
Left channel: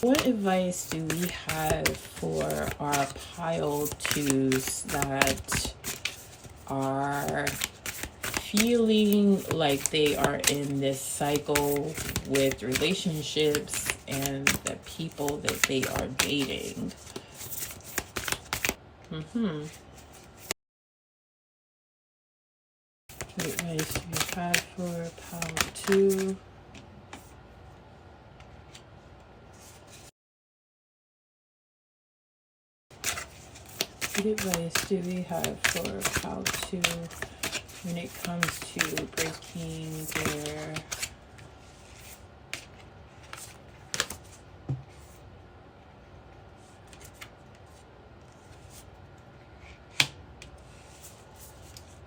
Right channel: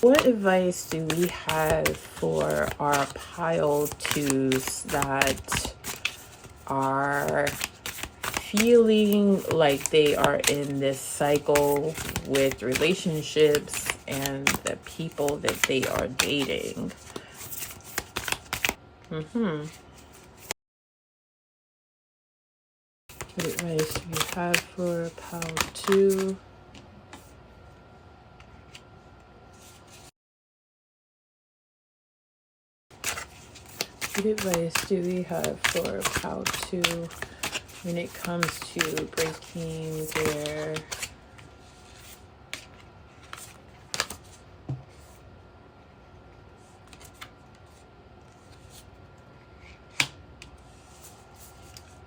What advice do we have for our pile twos that are feeling like they are in this cycle with relationships and the people that they are dating? What advice do we have for pile two? What advice do we have for how to, when it comes to breaking their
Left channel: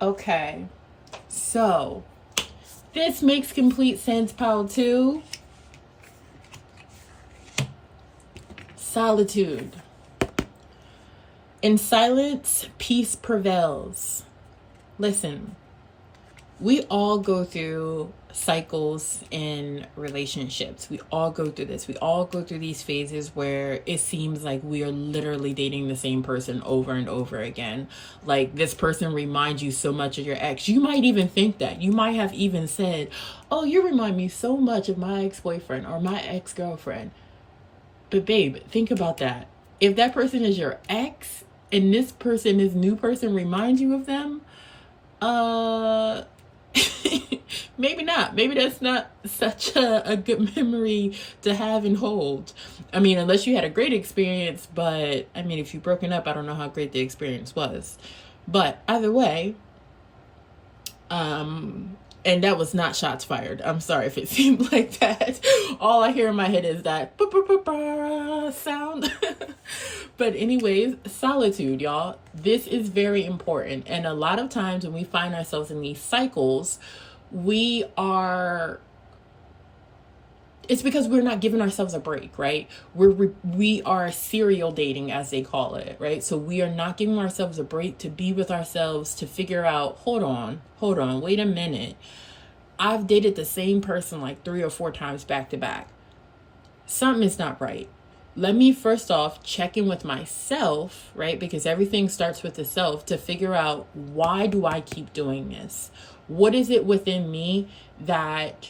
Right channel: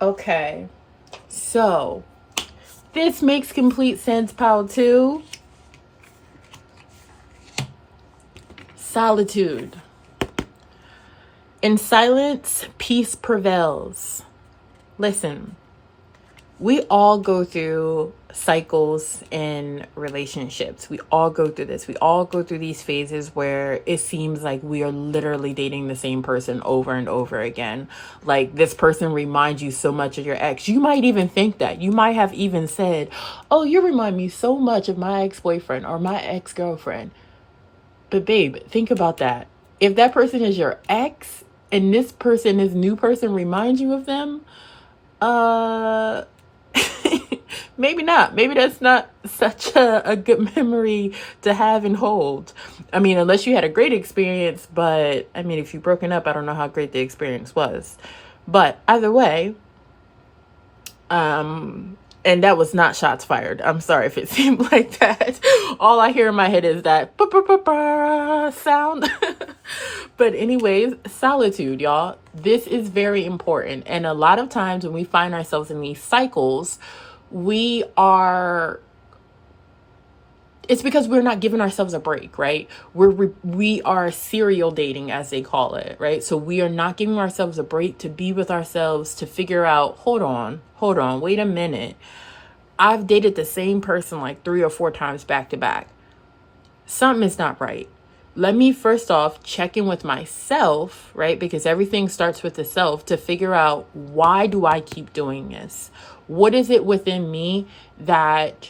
okay, so this makes complete sense, pile two. Solitude. In silence, peace prevails. Listen, we all go through cycles in relationships. We all go through this. We all go through these phases where it seems like we are literally dating the same person over and over again. Like this person reminds you so much of your ex. You might even think that. You might have even said, oh, you remind me so much of my ex-boyfriend or my ex-girlfriend. But babe, think about that. If that person is your ex and this new person reminds you of them, maybe not. Maybe that's not such a good memory to have and hold. I mean, unless you had a great experience, but I mean, if you've broken up, I don't know how great the experience was. But either way, and that was not shots fired. I'm sorry if it seemed like that. All I hear in my head is that sound. But anyways, solitude, y'all. This is very important. And a lot of times when we find ourselves in these cycles, it's because we're not giving ourselves a break, right? We are serial dating, as they call it, right? So we are not giving ourselves a break to be with ourselves, to figure out, hold on, wait a minute. I've dated the same person like 3 or 4 times back to back. Something is not right. Let me first off check in with myself, right? Because everything starts with the self, to figure out, why do I keep doing this? What is it within me that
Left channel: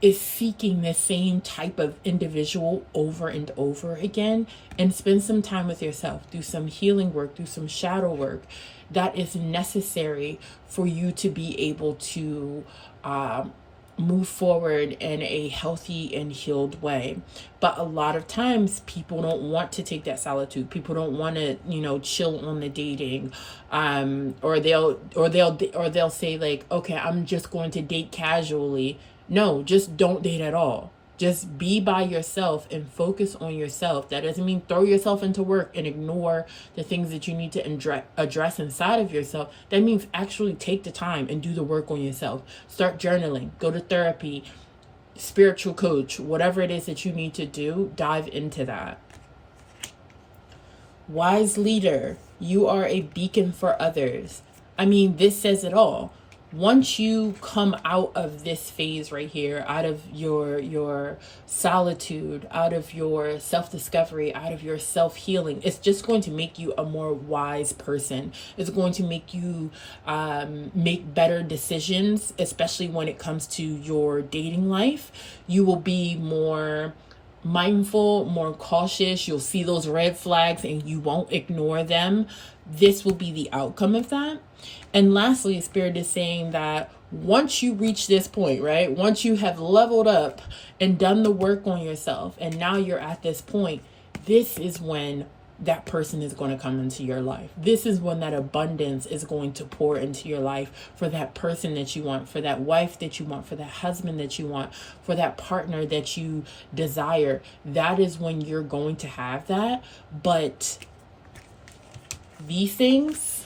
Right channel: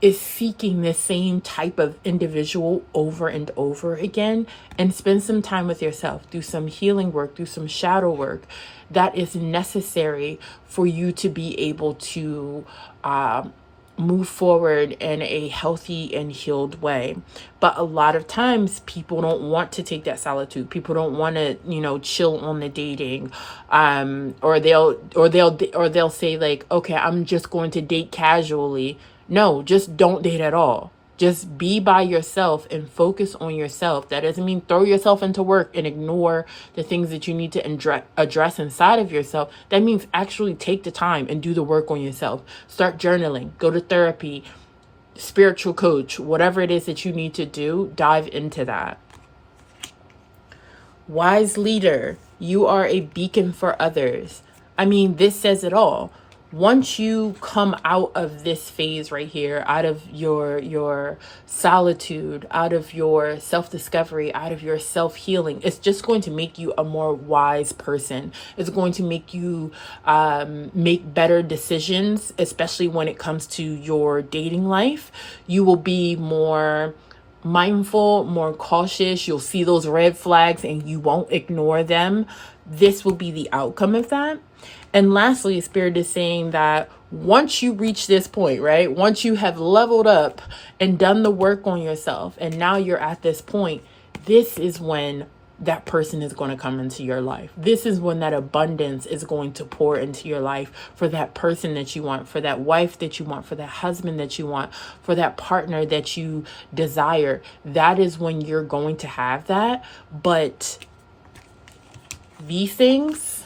is seeking the same type of individual over and over again? And spend some time with yourself. Do some healing work, do some shadow work that is necessary for you to be able to move forward in a healthy and healed way. But a lot of times people don't want to take that solitude. People don't want to, chill on the dating. Or they'll say like, okay, I'm just going to date casually. No, just don't date at all. Just be by yourself and focus on yourself. That doesn't mean throw yourself into work and ignore the things that you need to address inside of yourself. That means actually take the time and do the work on yourself. Start journaling, go to therapy, spiritual coach, whatever it is that you need to do, dive into that. Wise leader, you are a beacon for others. I mean, this says it all. Once you come out of this phase right here, out of your solitude, out of your self-discovery, out of your self-healing, it's just going to make you a more wise person. It's going to make you make better decisions, especially when it comes to your dating life. You will be more mindful, more cautious. You'll see those red flags and you won't ignore them. This will be the outcome of that. And lastly, Spirit is saying that once you reach this point, right? Once you have leveled up and done the work on yourself, and now you're at this point, this is when that person is going to come into your life. This is when that abundance is going to pour into your life for that person that you want, for that wife that you want, for that husband that you want, for that partner that you desire. That is when you're going to have that. But these things,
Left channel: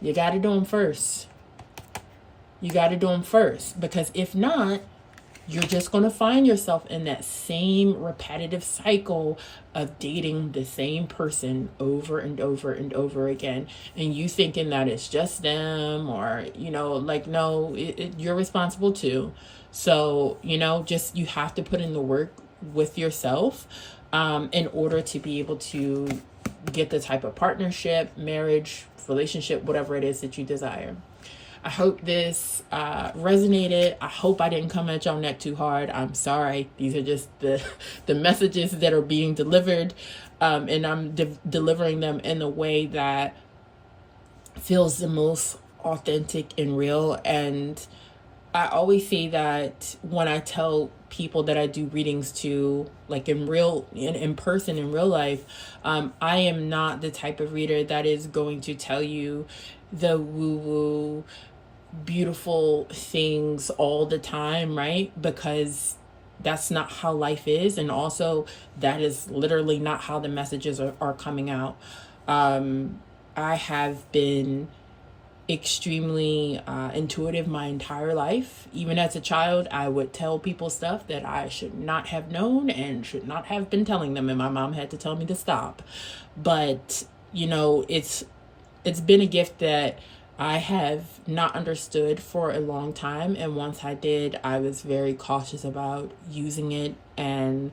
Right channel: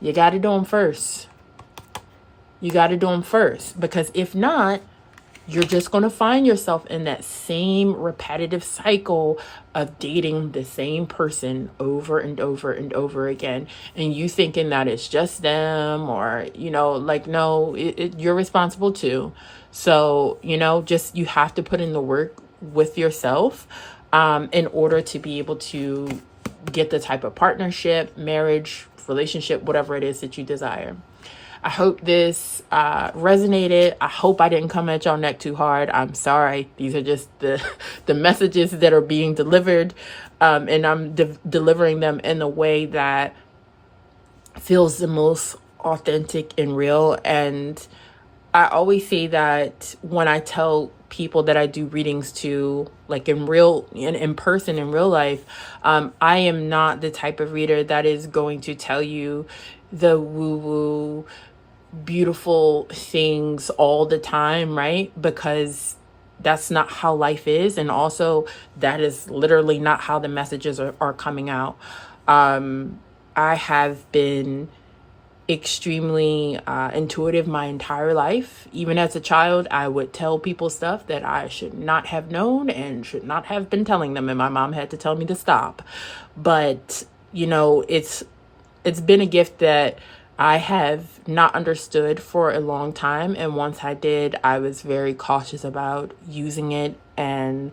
you got to do them first. You got to do them first, because if not, you're just going to find yourself in that same repetitive cycle of dating the same person over and over and over again. And you thinking that it's just them, or, you know, like, no, you're responsible too. So, you know, just, you have to put in the work with yourself in order to be able to get the type of partnership, marriage, relationship, whatever it is that you desire. I hope this resonated. I hope I didn't come at y'all neck too hard. I'm sorry. These are just the messages that are being delivered. And I'm delivering them in a way that feels the most authentic and real. And I always say that when I tell people that I do readings to, like in person, in real life, I am not the type of reader that is going to tell you the woo-woo beautiful things all the time, right? Because that's not how life is. And also that is literally not how the messages are coming out. I have been extremely intuitive my entire life. Even as a child, I would tell people stuff that I should not have known and should not have been telling them, and my mom had to tell me to stop. But you know, it's been a gift that I have not understood for a long time, and once I did, I was very cautious about using it and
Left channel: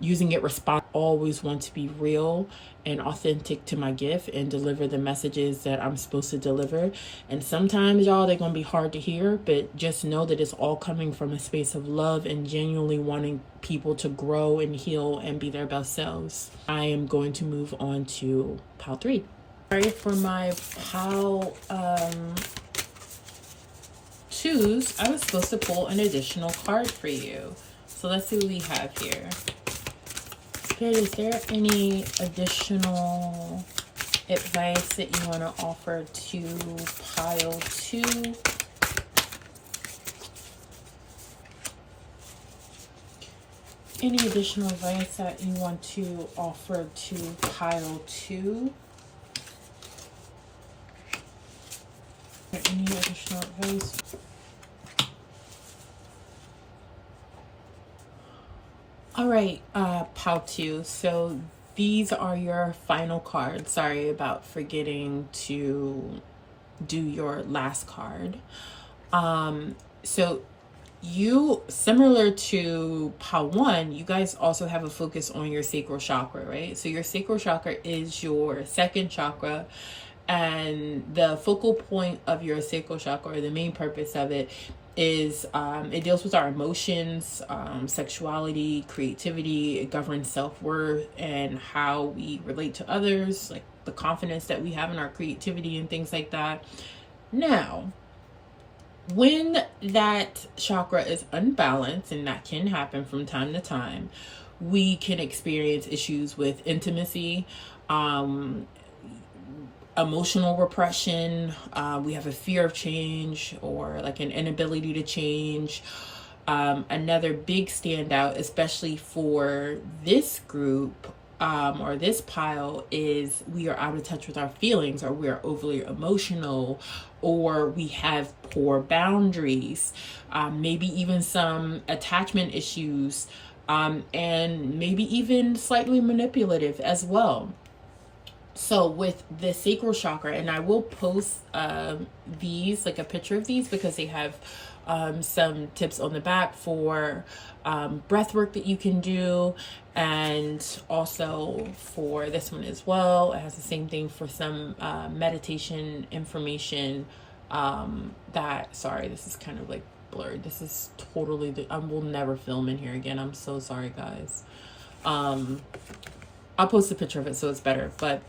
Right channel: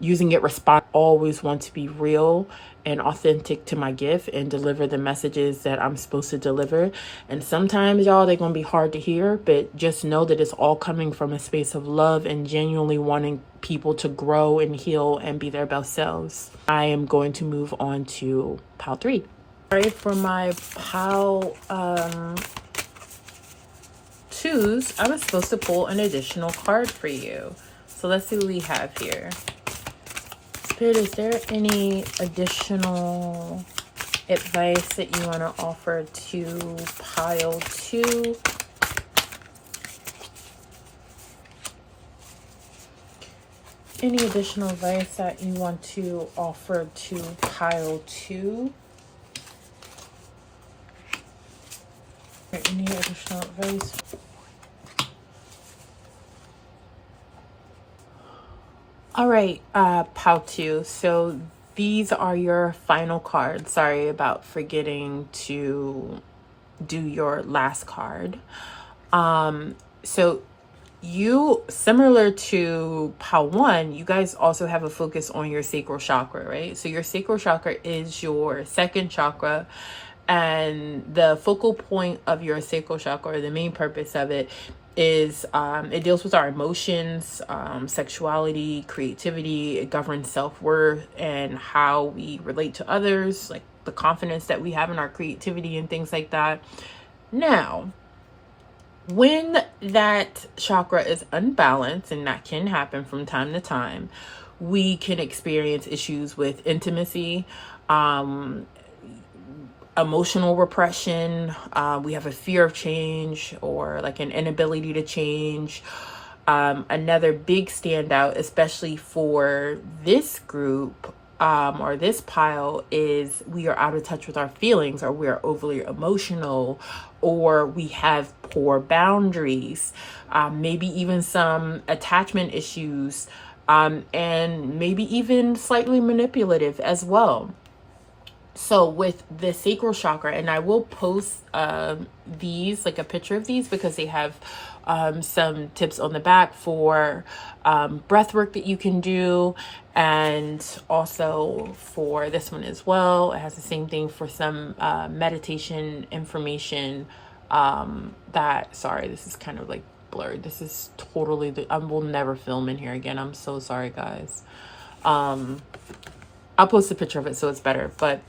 using it always want to be real and authentic to my gift and deliver the messages that I'm supposed to deliver. And sometimes, y'all, they're gonna be hard to hear, but just know that it's all coming from a space of love and genuinely wanting people to grow and heal and be their best selves. I am going to move on to pile 3. Sorry for my pile 2s. I was supposed to pull an additional card for you. So let's see what we have here. Spirit, is there any additional advice that you want to offer to pile 2? Any additional advice that you want to offer to pile 2? Any additional advice? All right, pile 2. So these are your final cards. Sorry about forgetting to do your last card. So you, similar to pile 1, you guys also have a focus on your sacral chakra, right? So your sacral chakra is your second chakra. And the focal point of your sacral chakra, or the main purpose of it, is it deals with our emotions, sexuality, creativity. It governs self-worth and how we relate to others, like the confidence that we have in our creativity and things like that. Now, when that chakra is unbalanced, and that can happen from time to time, we can experience issues with intimacy, emotional repression. We have a fear of change, or like an inability to change. Another big standout, especially for this group or this pile, is we are out of touch with our feelings, or we are overly emotional, or we have poor boundaries, maybe even some attachment issues, and maybe even slightly manipulative as well. So with the sacral chakra, and I will post these, like a picture of these, because they have some tips on the back for breath work that you can do, and also for this one as well. It has the same thing for some meditation information sorry, this is kind of like blurred. This is totally, I will never film in here again. I'm so sorry, guys. I'll post a picture of it so it's better, but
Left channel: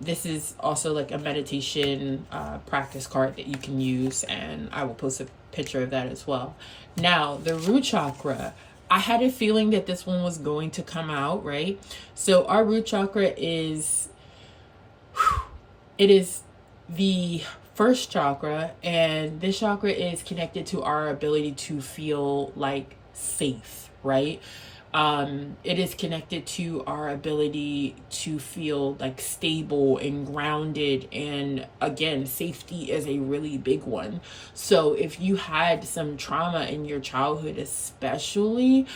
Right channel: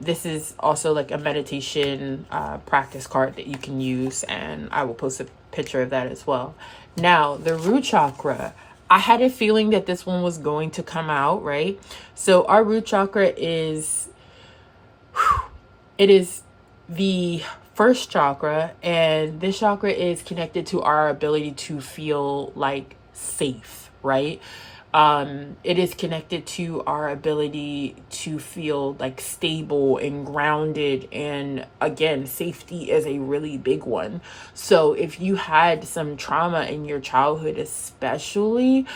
This is also like a meditation practice card that you can use, and I will post a picture of that as well. Now, the root chakra. I had a feeling that this one was going to come out, right? So our root chakra is, it is the first chakra, and this chakra is connected to our ability to feel like safe, right? It is connected to our ability to feel like stable and grounded. And again, safety is a really big one. So if you had some trauma in your childhood, especially,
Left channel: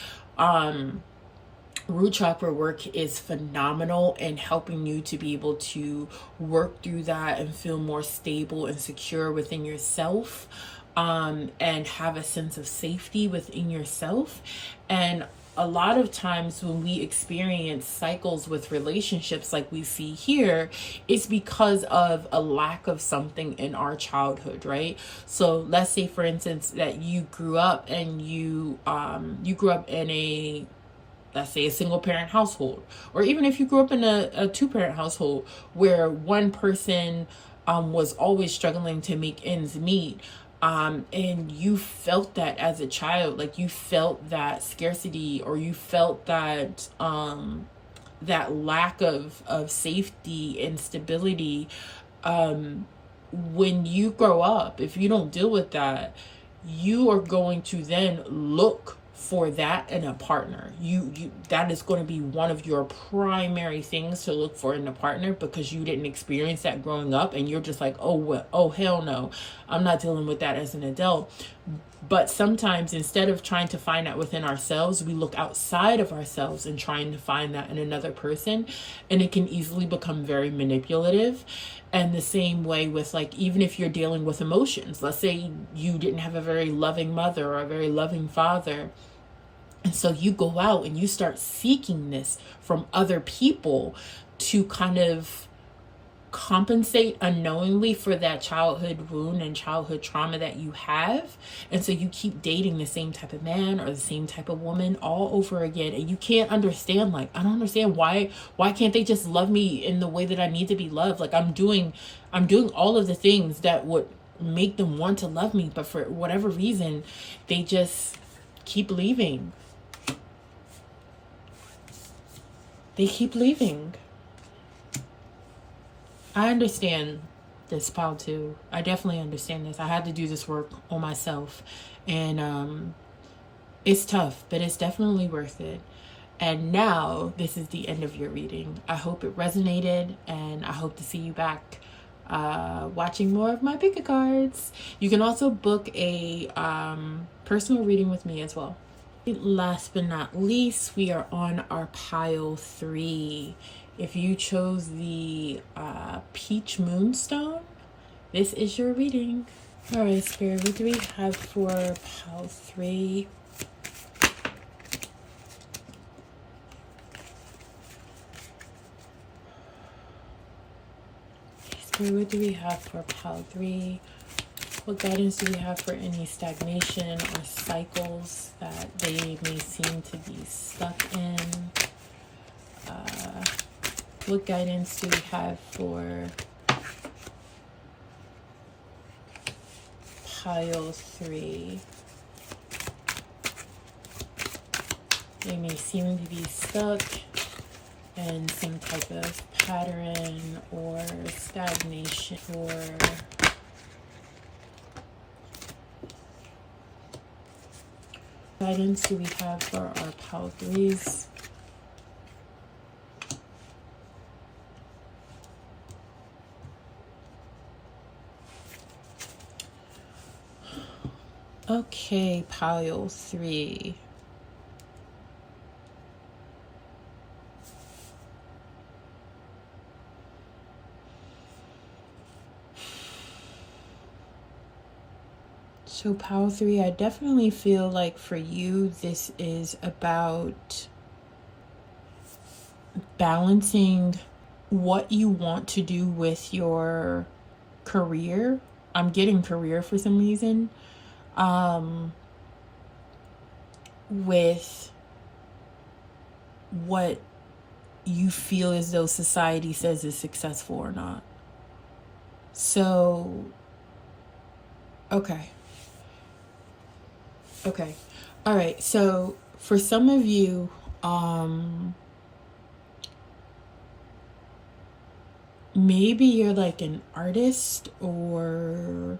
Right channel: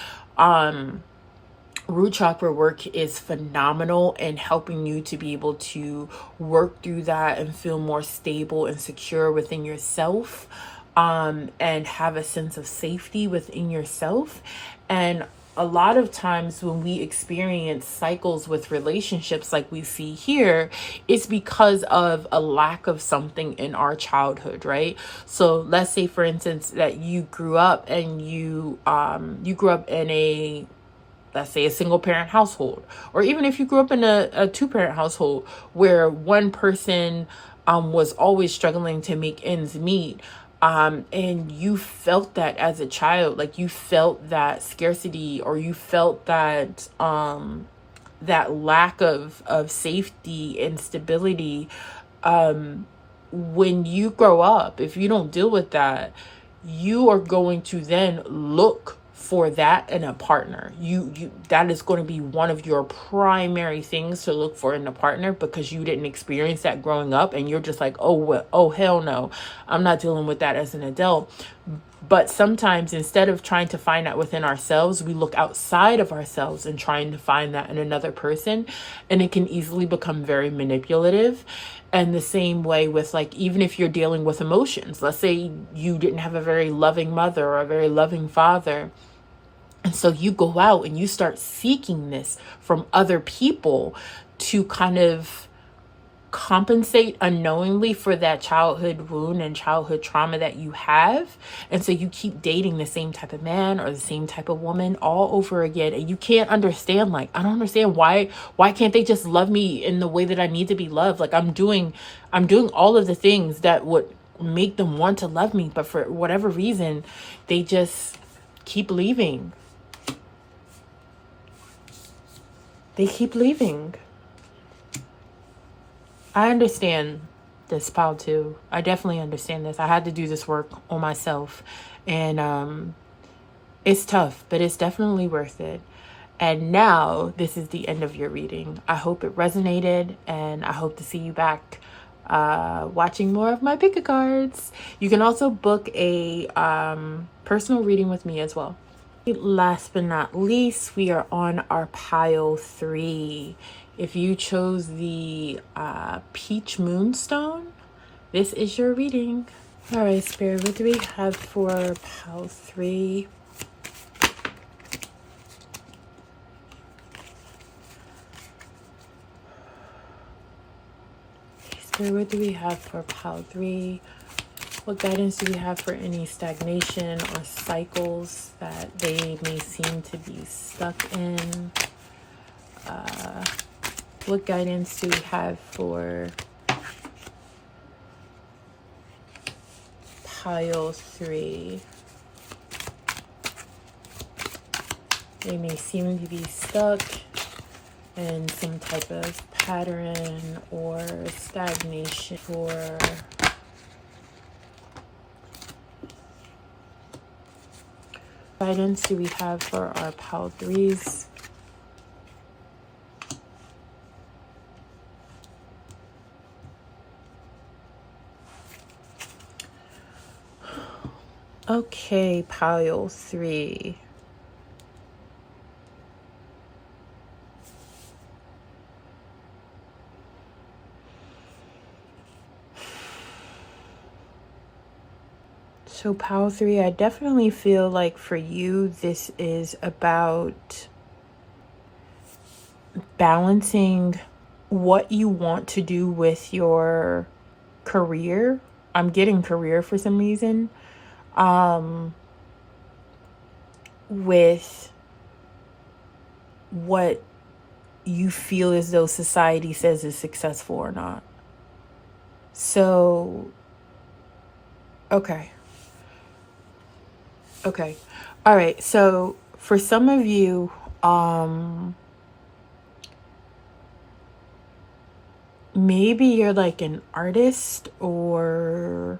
root chakra work is phenomenal in helping you to be able to work through that and feel more stable and secure within yourself, and have a sense of safety within yourself. And a lot of times when we experience cycles with relationships like we see here, it's because of a lack of something in our childhood, right? So let's say, for instance, that you grew up and you grew up in a, let's say, a single parent household, or even if you grew up in a two parent household where one person was always struggling to make ends meet. And you felt that as a child, like you felt that scarcity, or you felt that that lack of safety and stability. When you grow up, if you don't deal with that, you are going to then look for that in a partner. You that is going to be one of your primary things to look for in a partner, because you didn't experience that growing up, and you're just like, oh well, oh hell no, I'm not dealing with that as an adult. But sometimes, instead of trying to find that within ourselves, we look outside of ourselves and trying to find that in another person, and it can easily become very manipulative. And the same way with, like, even if you're dealing with emotions, let's say you didn't have a very loving mother or a very loving father, and so you go out and you start seeking this from other people to kind of compensate unknowingly for that childhood wound and childhood trauma that you have. And so you keep dating the same type of man or the same type of woman all over again. And you can't understand, like, I don't understand why can't they just love me in the way that I need to be loved? Like, I'm doing all of the things that would make them want to love me, but for whatever reason, they just keep leaving. They keep leaving. I understand this, pile too. I definitely understand this. I had to do this work on myself. And it's tough, but it's definitely worth it. And now this is the end of your reading. I hope it resonated, and I hope to see you back watching more of my pick a cards. You can also book a personal reading with me as well. Last but not least, we are on our pile 3. If you chose the Peach Moonstone, this is your reading. All right, Spirit, what do we have for pile 3? Spirit, what do we have for pile 3? What guidance do we have for any stagnation or cycles that they may seem to be stuck in? What guidance do we have for pile 3? They may seem to be stuck in some type of pattern or stagnation, or guidance do we have for our pile 3s? Okay, pile 3. So pile 3, I definitely feel like for you, this is about balancing what you want to do with your career. I'm getting career for some reason. With what you feel as though society says is successful or not. So, okay. Okay. All right. So for some of you, maybe you're like an artist, or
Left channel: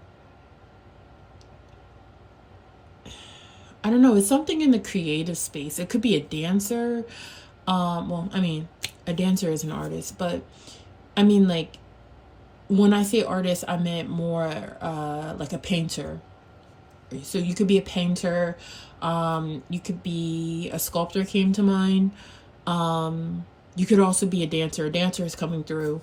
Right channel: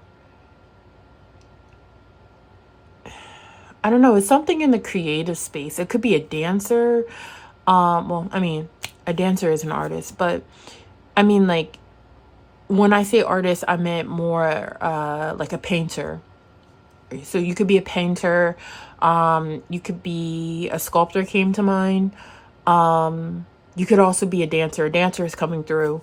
I don't know, it's something in the creative space. It could be a dancer. Well, I mean, a dancer is an artist, but I mean, like, when I say artist, I meant more like a painter. So you could be a painter. You could be a sculptor, came to mind. You could also be a dancer. A dancer is coming through.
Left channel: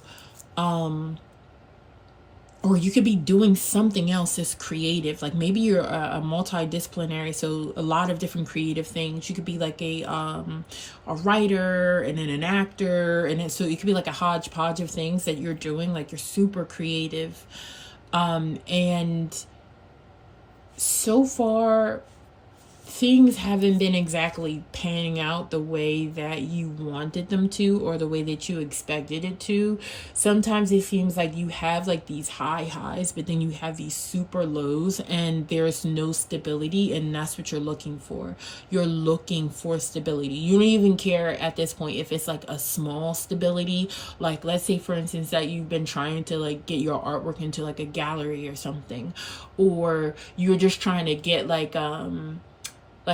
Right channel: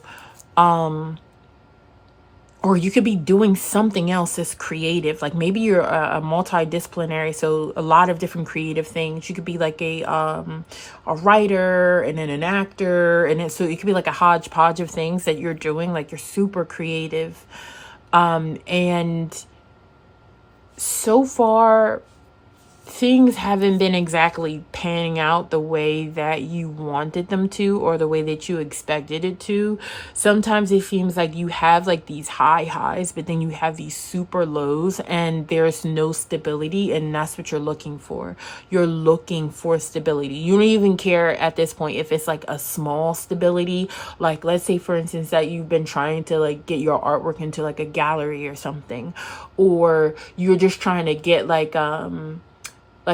Or you could be doing something else that's creative. Like maybe you're a multidisciplinary, so a lot of different creative things. You could be like a writer, and then an actor, and then, so it could be like a hodgepodge of things that you're doing. Like you're super creative, and so far things haven't been exactly panning out the way that you wanted them to, or the way that you expected it to. Sometimes it seems like you have like these highs, but then you have these super lows, and there's no stability, and that's what you're looking for. You're looking for stability. You don't even care at this point if it's like a small stability. Like, let's say for instance that you've been trying to like get your artwork into like a gallery or something, or you're just trying to get like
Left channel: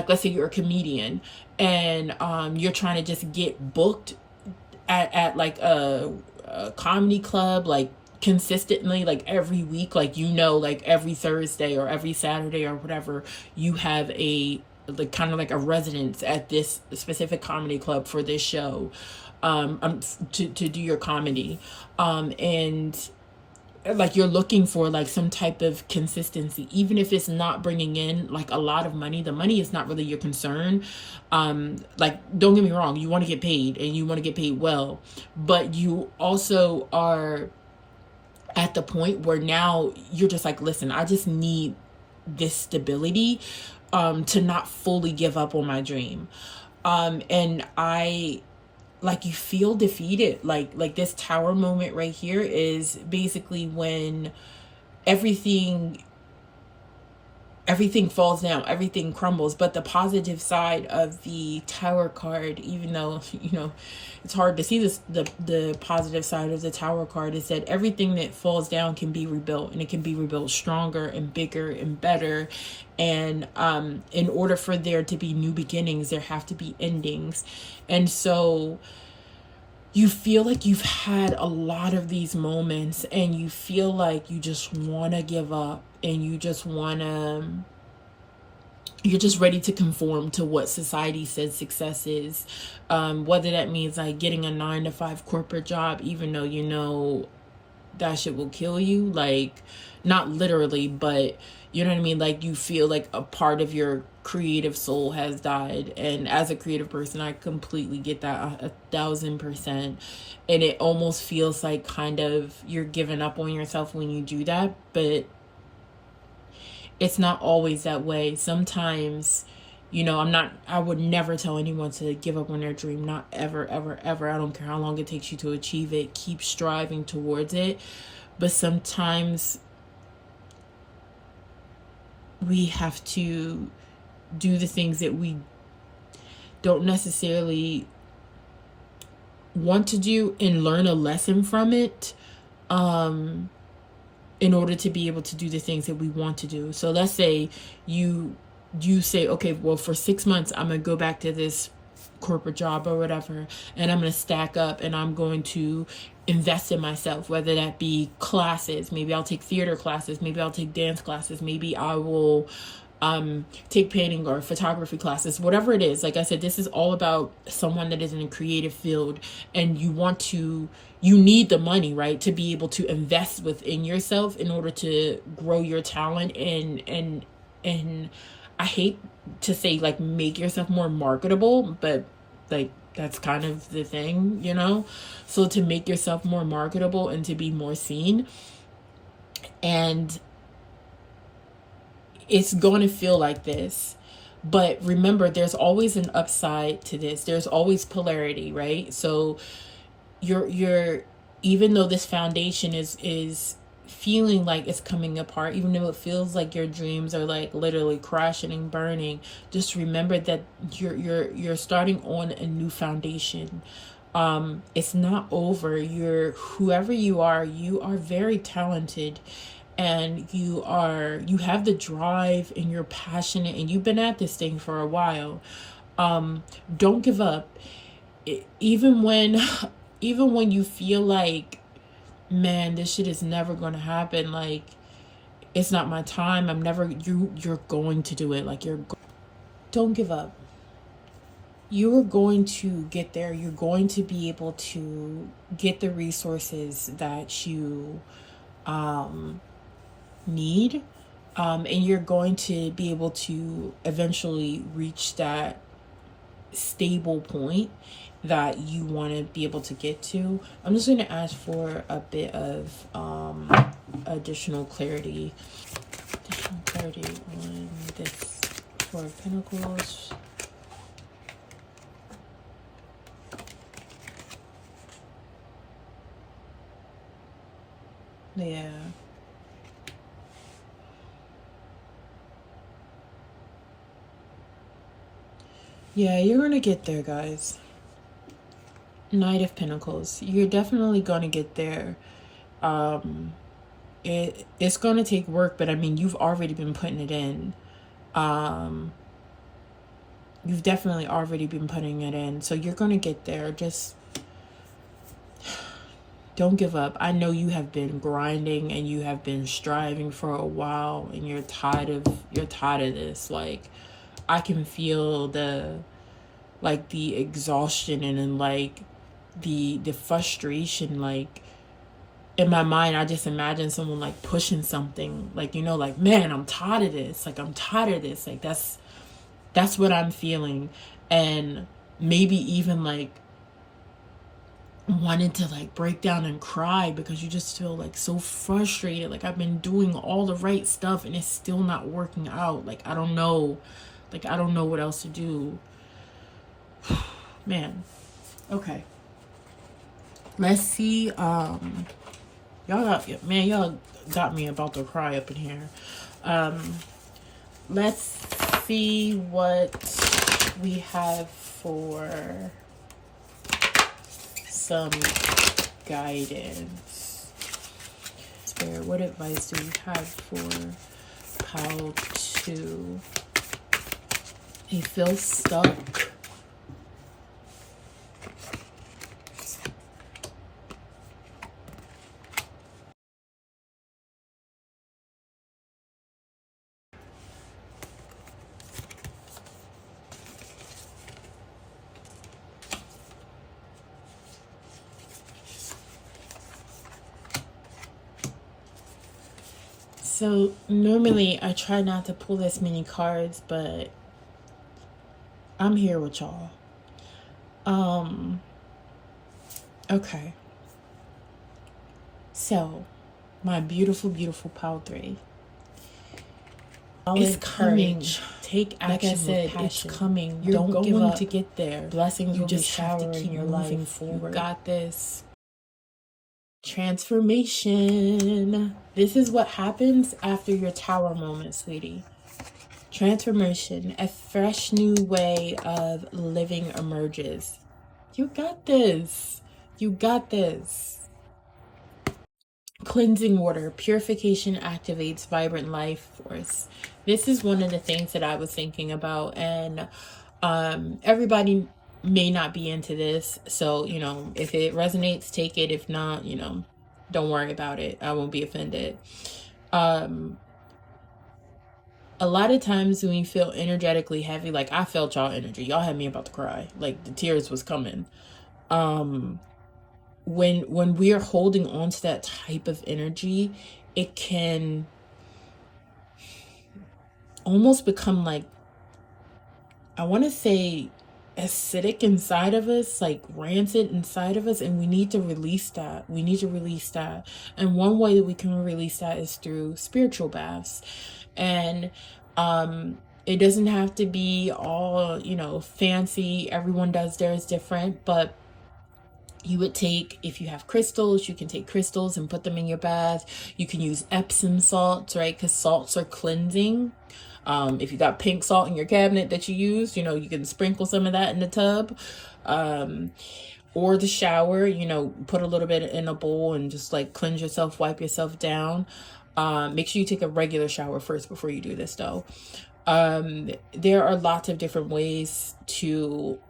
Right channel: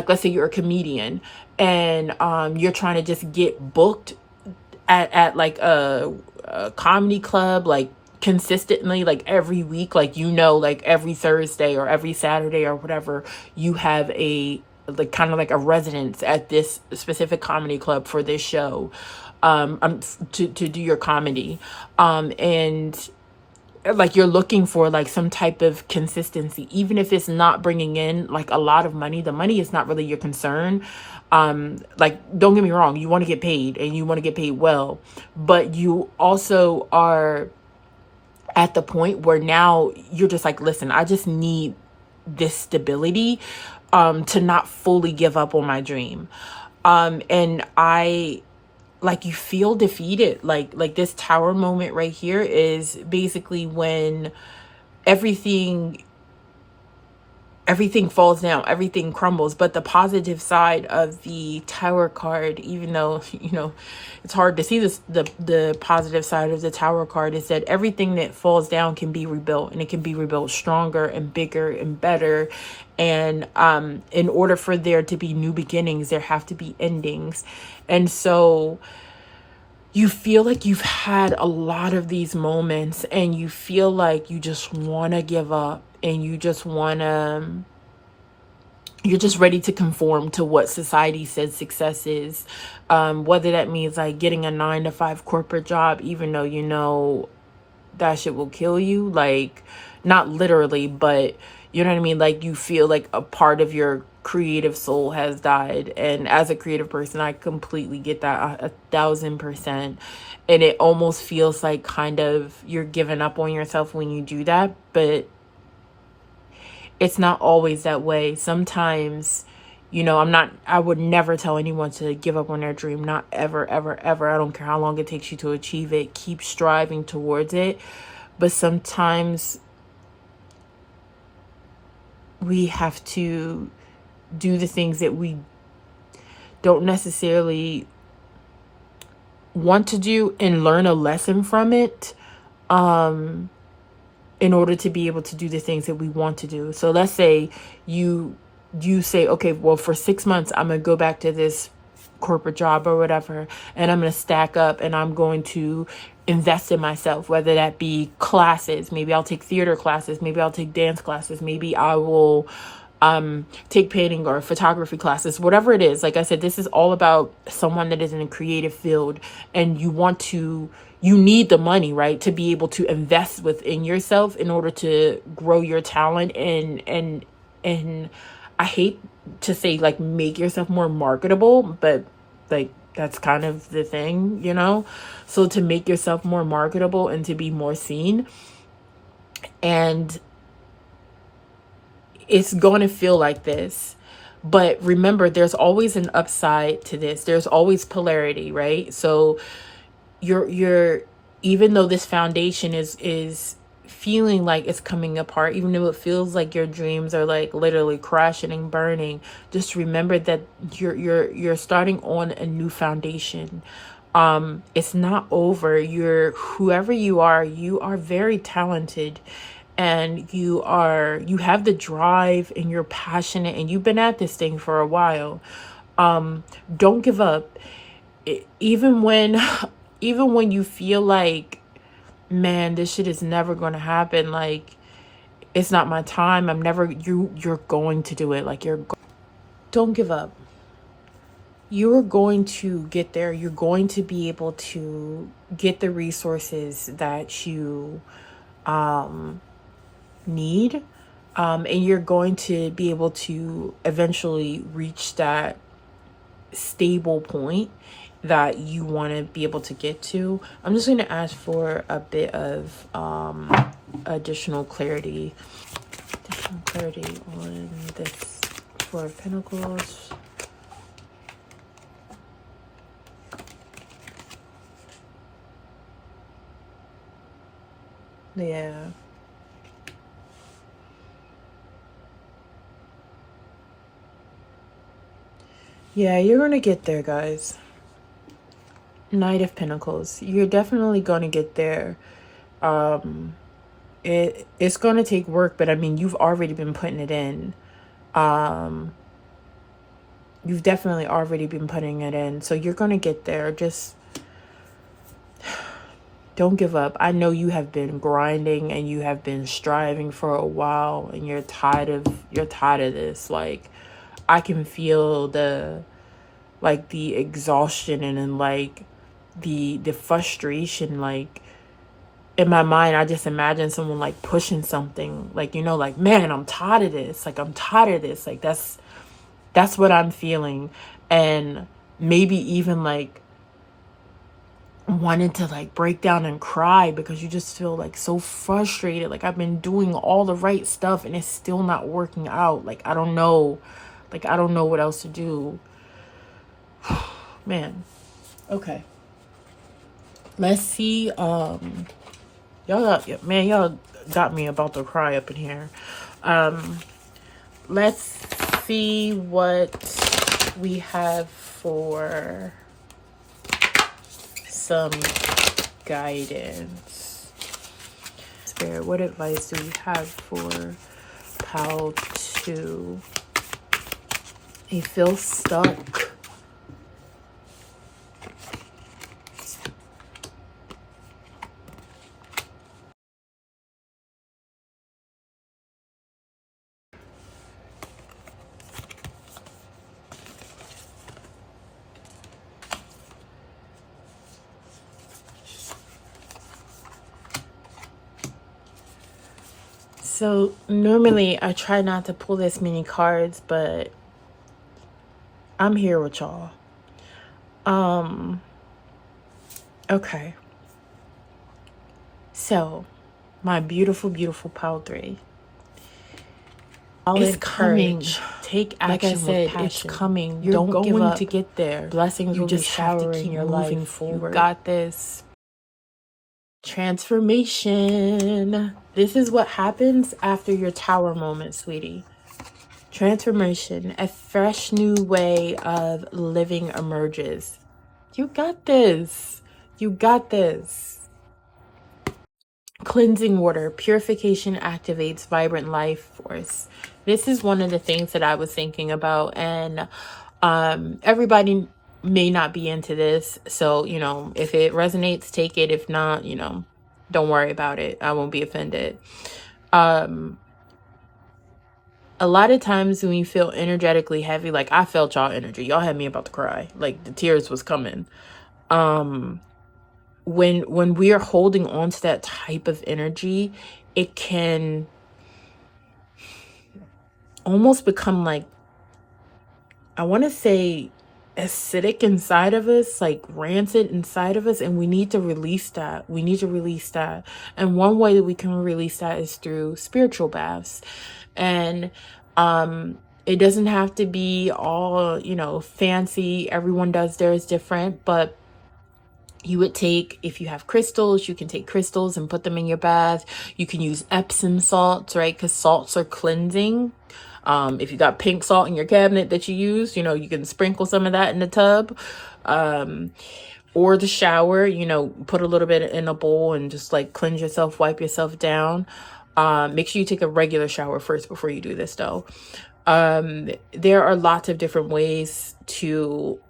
let's say you're a comedian, and you're trying to just get booked at like a comedy club, like consistently, like every week, like, like every Thursday or every Saturday or whatever, you have a like kind of like a residence at this specific comedy club for this show, to do your comedy, and like you're looking for like some type of consistency, even if it's not bringing in like a lot of money. The money is not really your concern. Like, don't get me wrong, you want to get paid, and you want to get paid well, but you also are at the point where now you're just like, listen, I just need this stability to not fully give up on my dream. And I like, you feel defeated. Like this tower moment right here is basically when everything falls down, everything crumbles. But the positive side of the tower card, even though it's hard to see this, the positive side of the tower card is that everything that falls down can be rebuilt, and it can be rebuilt stronger and bigger and better. And in order for there to be new beginnings, there have to be endings. And so you feel like you've had a lot of these moments, and you feel like you just want to give up, and you just want to, you're just ready to conform to what society says success is. Whether that means like getting a 9-to-5 corporate job, even though that shit will kill you. Like, not literally, but you know what I mean? Like, you feel like a part of your creative soul has died. And as a creative person, I completely get that 1,000%. And it almost feels like kind of you're giving up on yourself when you do that. But it's not always that way. Sometimes, I would never tell anyone to give up on their dream. Not ever, ever, ever. I don't care how long it takes you to achieve it. Keep striving towards it. But sometimes we have to do the things that we don't necessarily want to do, and learn a lesson from it, in order to be able to do the things that we want to do. So let's say you say, okay, well, for 6 months, I'm going to go back to this corporate job or whatever, and I'm going to stack up, and I'm going to invest in myself, whether that be classes. Maybe I'll take theater classes. Maybe I'll take dance classes. Maybe I will take painting or photography classes, whatever it is. Like I said, this is all about someone that is in a creative field, and you need the money, right, to be able to invest within yourself in order to grow your talent, and I hate to say like make yourself more marketable, but like that's kind of the thing, so to make yourself more marketable and to be more seen. And it's going to feel like this. But remember, there's always an upside to this. There's always polarity, right? So you're even though this foundation is feeling like it's coming apart, even though it feels like your dreams are like literally crashing and burning, just remember that you're starting on a new foundation. It's not over. You're whoever you are very talented, and you have the drive, and you're passionate, and you've been at this thing for a while. Don't give up. Even when even when you feel like, man, this shit is never going to happen, like it's not my time, I'm never, you're going to do it. Like don't give up. You are going to get there. You're going to be able to get the resources that you need, and you're going to be able to eventually reach that stable point that you want to be able to get to. I'm just going to ask for a bit of additional clarity on this Four of Pentacles. Yeah. Yeah, you're going to get there, guys. Knight of Pentacles. You're definitely going to get there. It's going to take work, but I mean, you've already been putting it in. You've definitely already been putting it in. So you're going to get there. Just don't give up. I know you have been grinding and you have been striving for a while, and you're tired of this. Like, I can feel the exhaustion and then like the frustration. Like, in my mind, I just imagine someone like pushing something, like, you know, like, man, I'm tired of this. Like, I'm tired of this. Like, that's what I'm feeling. And maybe even like wanted to like break down and cry because you just feel like so frustrated. Like, I've been doing all the right stuff and it's still not working out. Like, I don't know. Like, I don't know what else to do. Man. Okay. Let's see. Y'all got me about to cry up in here. Let's see what we have for some guidance. Spirit, what advice do you have for Pal 2? You feel stuck. So normally I try not to pull this many cards, but I'm here with y'all. Okay. So, my beautiful, beautiful Pal 3. It's coming. Take action. Like I said, it's coming. You're going to get there. Blessings will be showering. You're moving forward. You got this. Transformation. This is what happens after your tower moment, sweetie. Transformation. A fresh new way of living emerges. You got this. You got this. Cleansing water. Purification activates vibrant life force. This is one of the things that I was thinking about, and everybody may not be into this, so, you know, if it resonates, take it. If not, you know, don't worry about it. I won't be offended. A lot of times when you feel energetically heavy, like I felt y'all energy, y'all had me about to cry, like the tears was coming. When we are holding on to that type of energy, it can almost become like, I want to say, acidic inside of us, like rancid inside of us, and we need to release that. We need to release that. And one way that we can release that is through spiritual baths. And It doesn't have to be all, you know, fancy. Everyone does theirs different, but you would take, if you have crystals, you can take crystals and put them in your bath. You can use Epsom salts, right? Because salts are cleansing. If you got pink salt in your cabinet that you use, you know, you can sprinkle some of that in the tub. Or the shower, you know, put a little bit in a bowl and just like cleanse yourself, wipe yourself down. Make sure you take a regular shower first before you do this though. There are lots of different ways to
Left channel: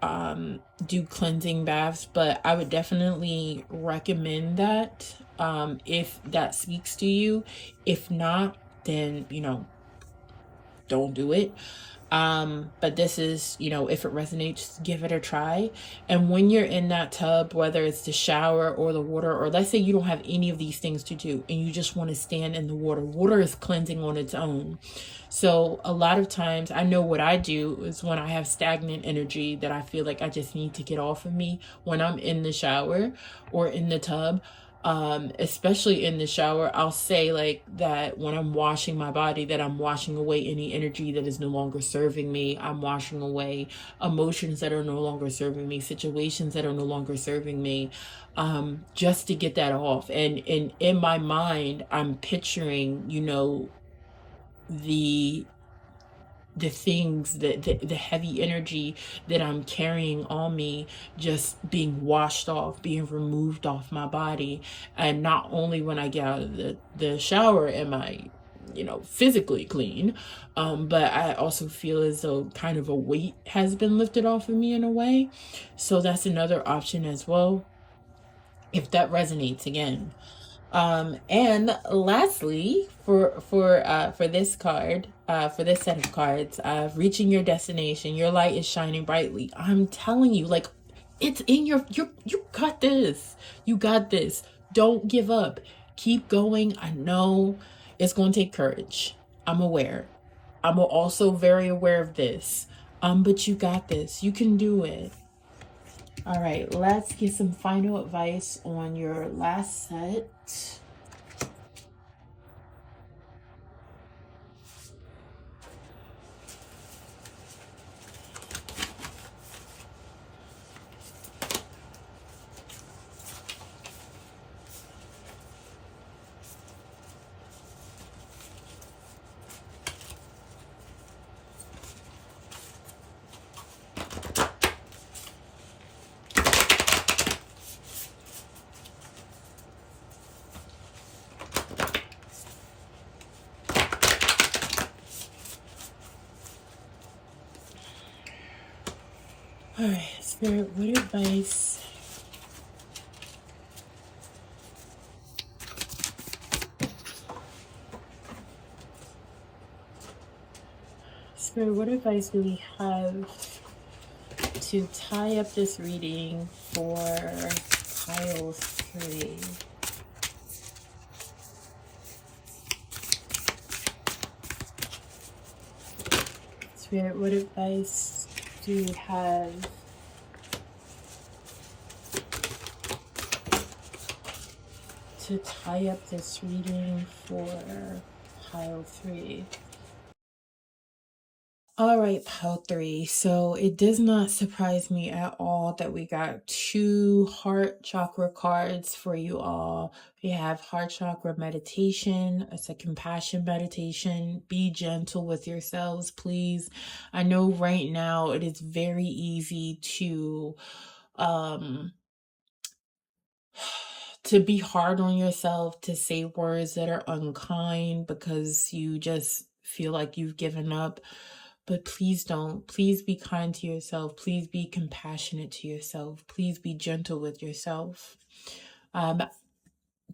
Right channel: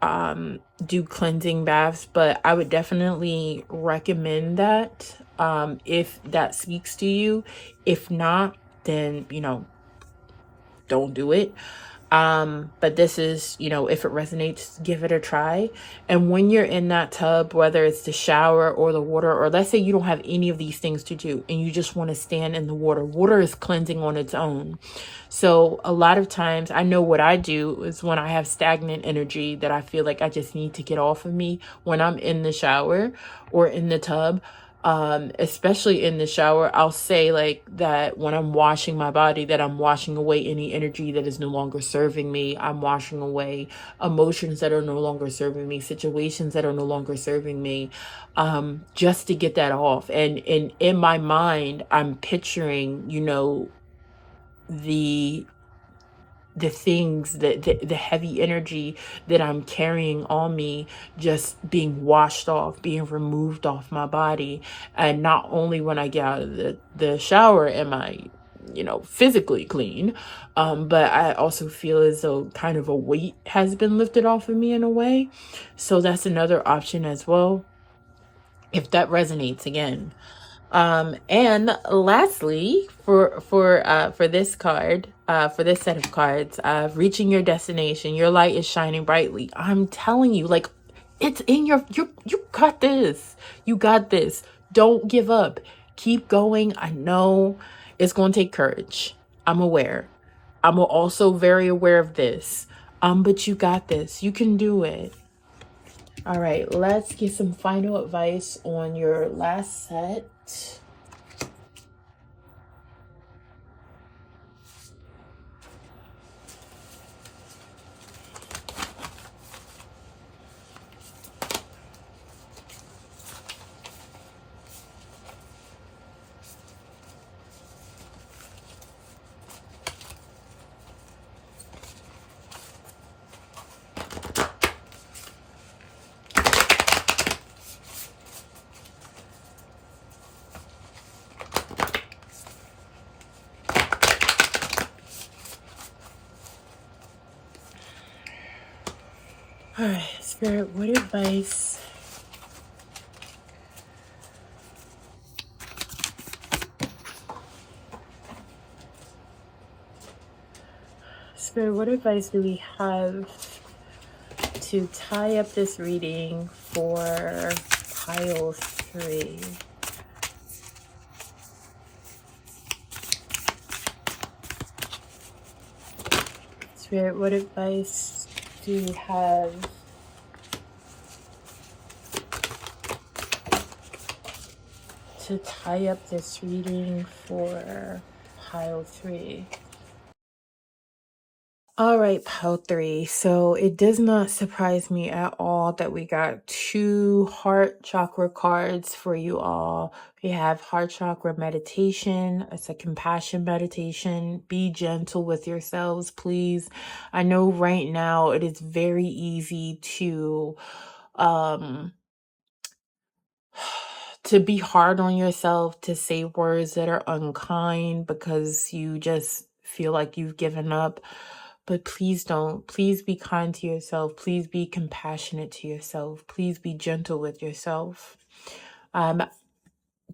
do cleansing baths, but I would definitely recommend that if that speaks to you. If not, then, you know, don't do it. But this is, you know, if it resonates, give it a try. And when you're in that tub, whether it's the shower or the water, or let's say you don't have any of these things to do and you just want to stand in the water, water is cleansing on its own. So a lot of times I know what I do is when I have stagnant energy that I feel like I just need to get off of me, when I'm in the shower or in the tub, especially in the shower, I'll say like that when I'm washing my body, that I'm washing away any energy that is no longer serving me. I'm washing away emotions that are no longer serving me, situations that are no longer serving me, just to get that off. And in my mind, I'm picturing, you know, the things that the heavy energy that I'm carrying on me just being washed off, being removed off my body. And not only when I get out of the shower am I, you know, physically clean, but I also feel as though kind of a weight has been lifted off of me in a way. So that's another option as well, if that resonates again. And lastly, for this card, for this set of cards, reaching your destination, your light is shining brightly. I'm telling you, like, it's in you got this. You got this. Don't give up. Keep going. I know it's going to take courage. I'm aware. I'm also very aware of this. But you got this. You can do it. All right, let's get some final advice on your last set. All right, Spirit, what advice Spirit, what advice do we have to tie up this reading for pile 3? Spirit, what advice do you have to tie up this reading for pile 3? All right, pile 3. So it does not surprise me at all that we got 2 heart chakra cards for you all. We have heart chakra meditation. It's a compassion meditation. Be gentle with yourselves, please. I know right now it is very easy to be hard on yourself, to say words that are unkind because you just feel like you've given up. But please don't. Please be kind to yourself. Please be compassionate to yourself. Please be gentle with yourself.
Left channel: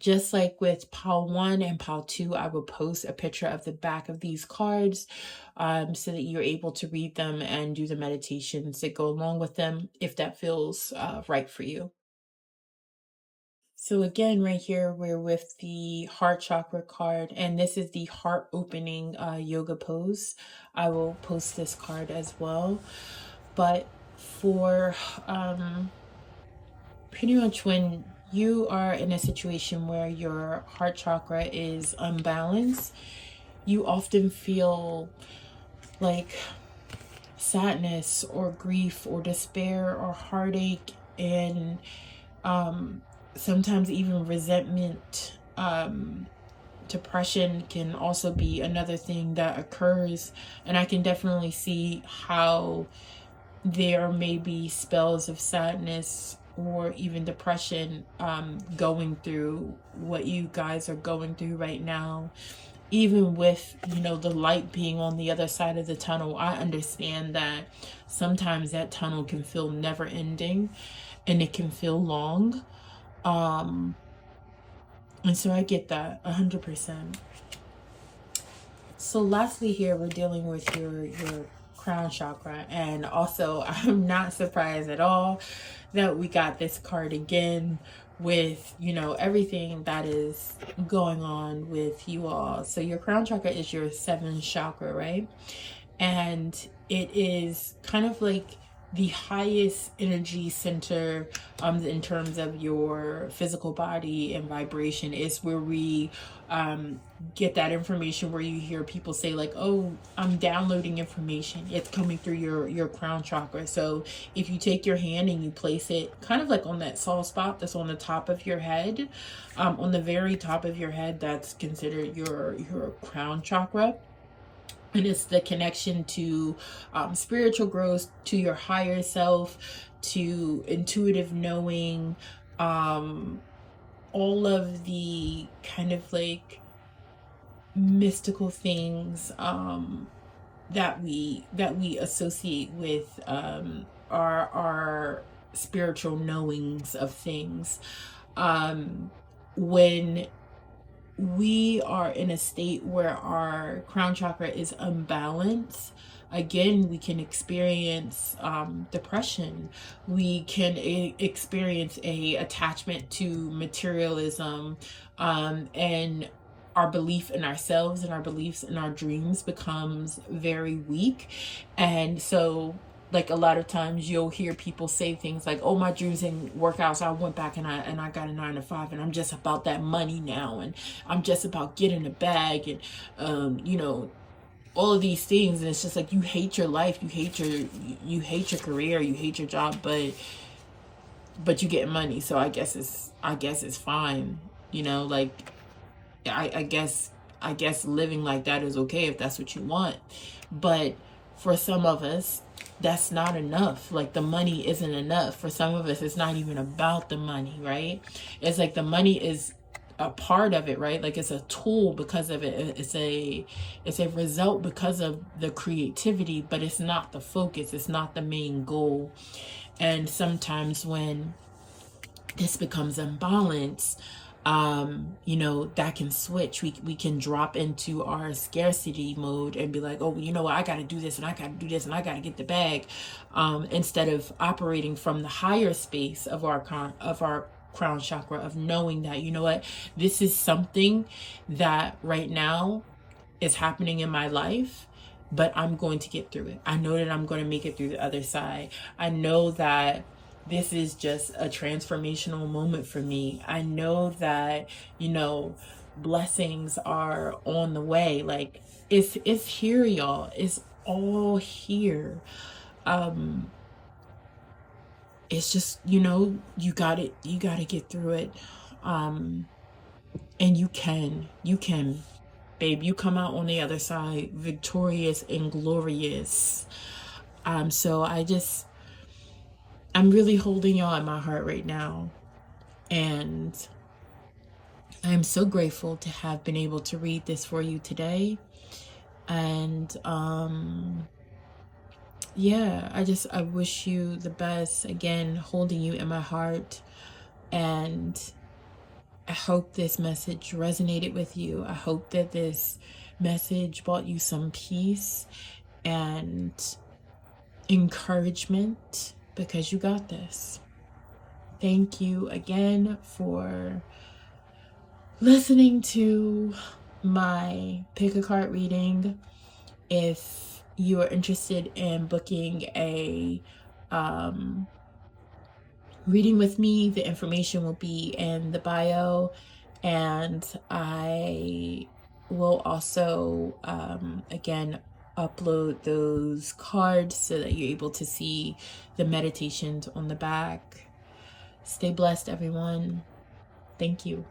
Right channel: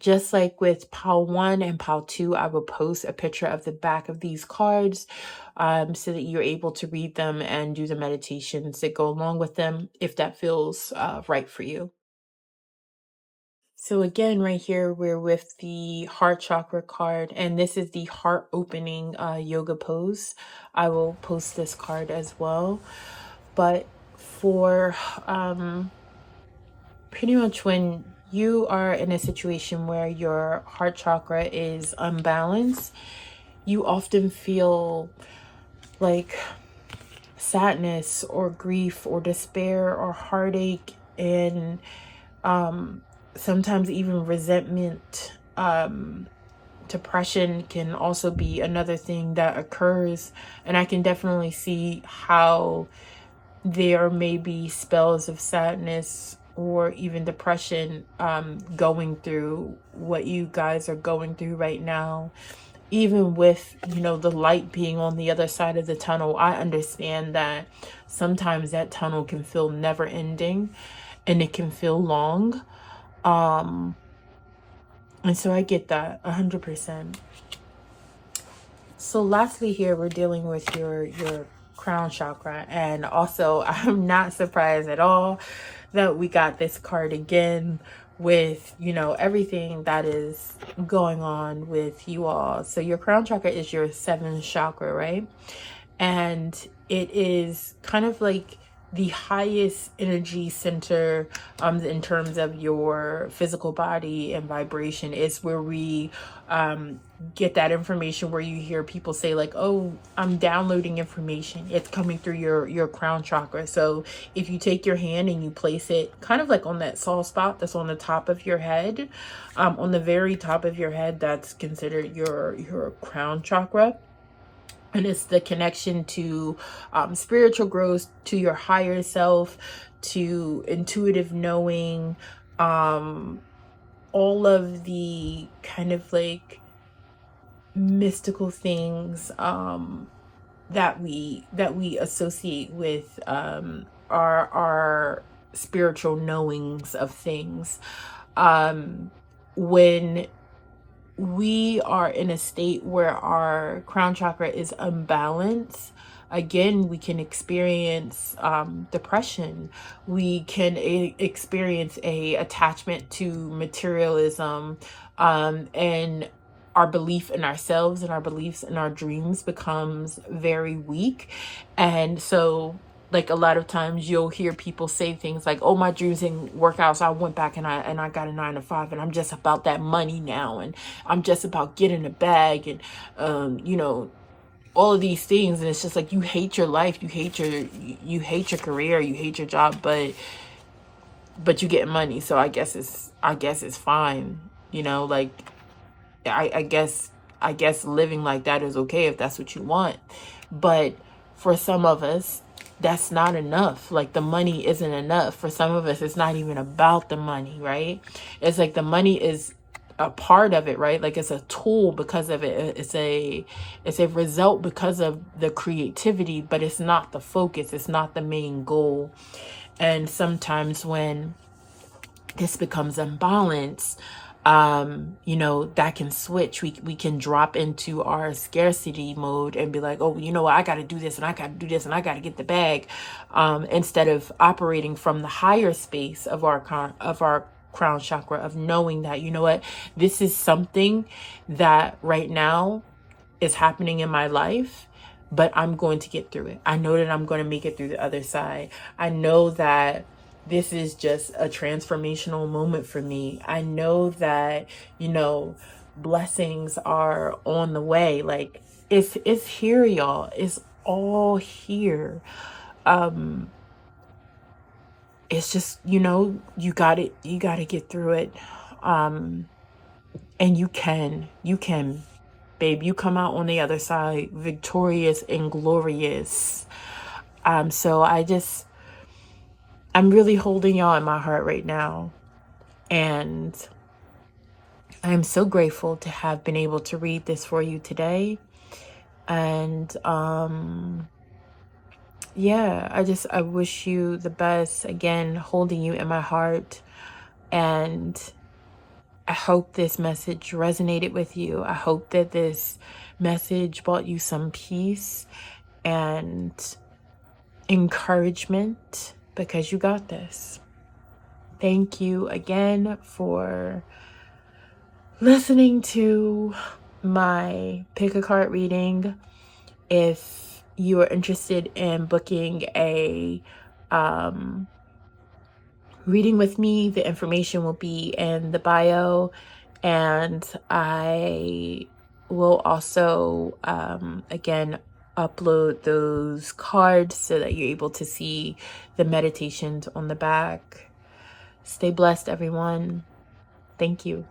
Just like with pile 1 and pile 2, I will post a picture of the back of these cards so that you're able to read them and do the meditations that go along with them if that feels right for you. So again, right here, we're with the heart chakra card, and this is the heart opening yoga pose. I will post this card as well. But for pretty much when you are in a situation where your heart chakra is unbalanced, you often feel like sadness or grief or despair or heartache, and sometimes even resentment. Depression can also be another thing that occurs, and I can definitely see how there may be spells of sadness or even depression going through what you guys are going through right now. Even with, the light being on the other side of the tunnel, I understand that sometimes that tunnel can feel never ending and it can feel long. And so I get that 100%. So lastly here, we're dealing with your crown chakra. And also, I'm not surprised at all that we got this card again with, everything that is going on with you all. So your crown chakra is your 7th chakra, right? And it is kind of like the highest energy center in terms of your physical body and vibration. Is where we get that information, where you hear people say like, oh, I'm downloading information. It's coming through your crown chakra. So if you take your hand and you place it kind of like on that soft spot that's on the top of your head, on the very top of your head, that's considered your crown chakra. And it's the connection to spiritual growth, to your higher self, to intuitive knowing, all of the kind of like mystical things that we associate with our spiritual knowings of things. When we are in a state where our crown chakra is unbalanced, again, we can experience depression. We can experience a attachment to materialism, and our belief in ourselves and our beliefs in our dreams becomes very weak. And so like a lot of times you'll hear people say things like, oh, my dreams didn't work out, so I went back and I got a 9 to 5, and I'm just about that money now, and I'm just about getting a bag, and all of these things. And it's just like, you hate your life, you hate your career, you hate your job, but you get money, so I guess it's fine. Like I guess living like that is okay if that's what you want. But for some of us, that's not enough. Like, the money isn't enough. For some of us, it's not even about the money, right? It's like the money is a part of it, right? Like, it's a tool because of it. It's a result because of the creativity, but it's not the focus. It's not the main goal. And sometimes when this becomes unbalanced, that can switch. We can drop into our scarcity mode and be like, oh, I got to do this and I got to do this and I got to get the bag, instead of operating from the higher space of our crown chakra, of knowing that, this is something that right now is happening in my life, but I'm going to get through it. I know that I'm going to make it through the other side. I know that this is just a transformational moment for me. I know that, blessings are on the way. Like, it's here, y'all. It's all here. It's just, you got to get through it. And you can, babe, you come out on the other side victorious and glorious. So I'm really holding y'all in my heart right now. And I'm so grateful to have been able to read this for you today. And I wish you the best. Again, holding you in my heart. And I hope this message resonated with you. I hope that this message brought you some peace and encouragement, because you got this. Thank you again for listening to my pick a card reading. If you are interested in booking a reading with me, the information will be in the bio, and I will also again upload those cards so that you're able to see the meditations on the back. Stay blessed, everyone. Thank you.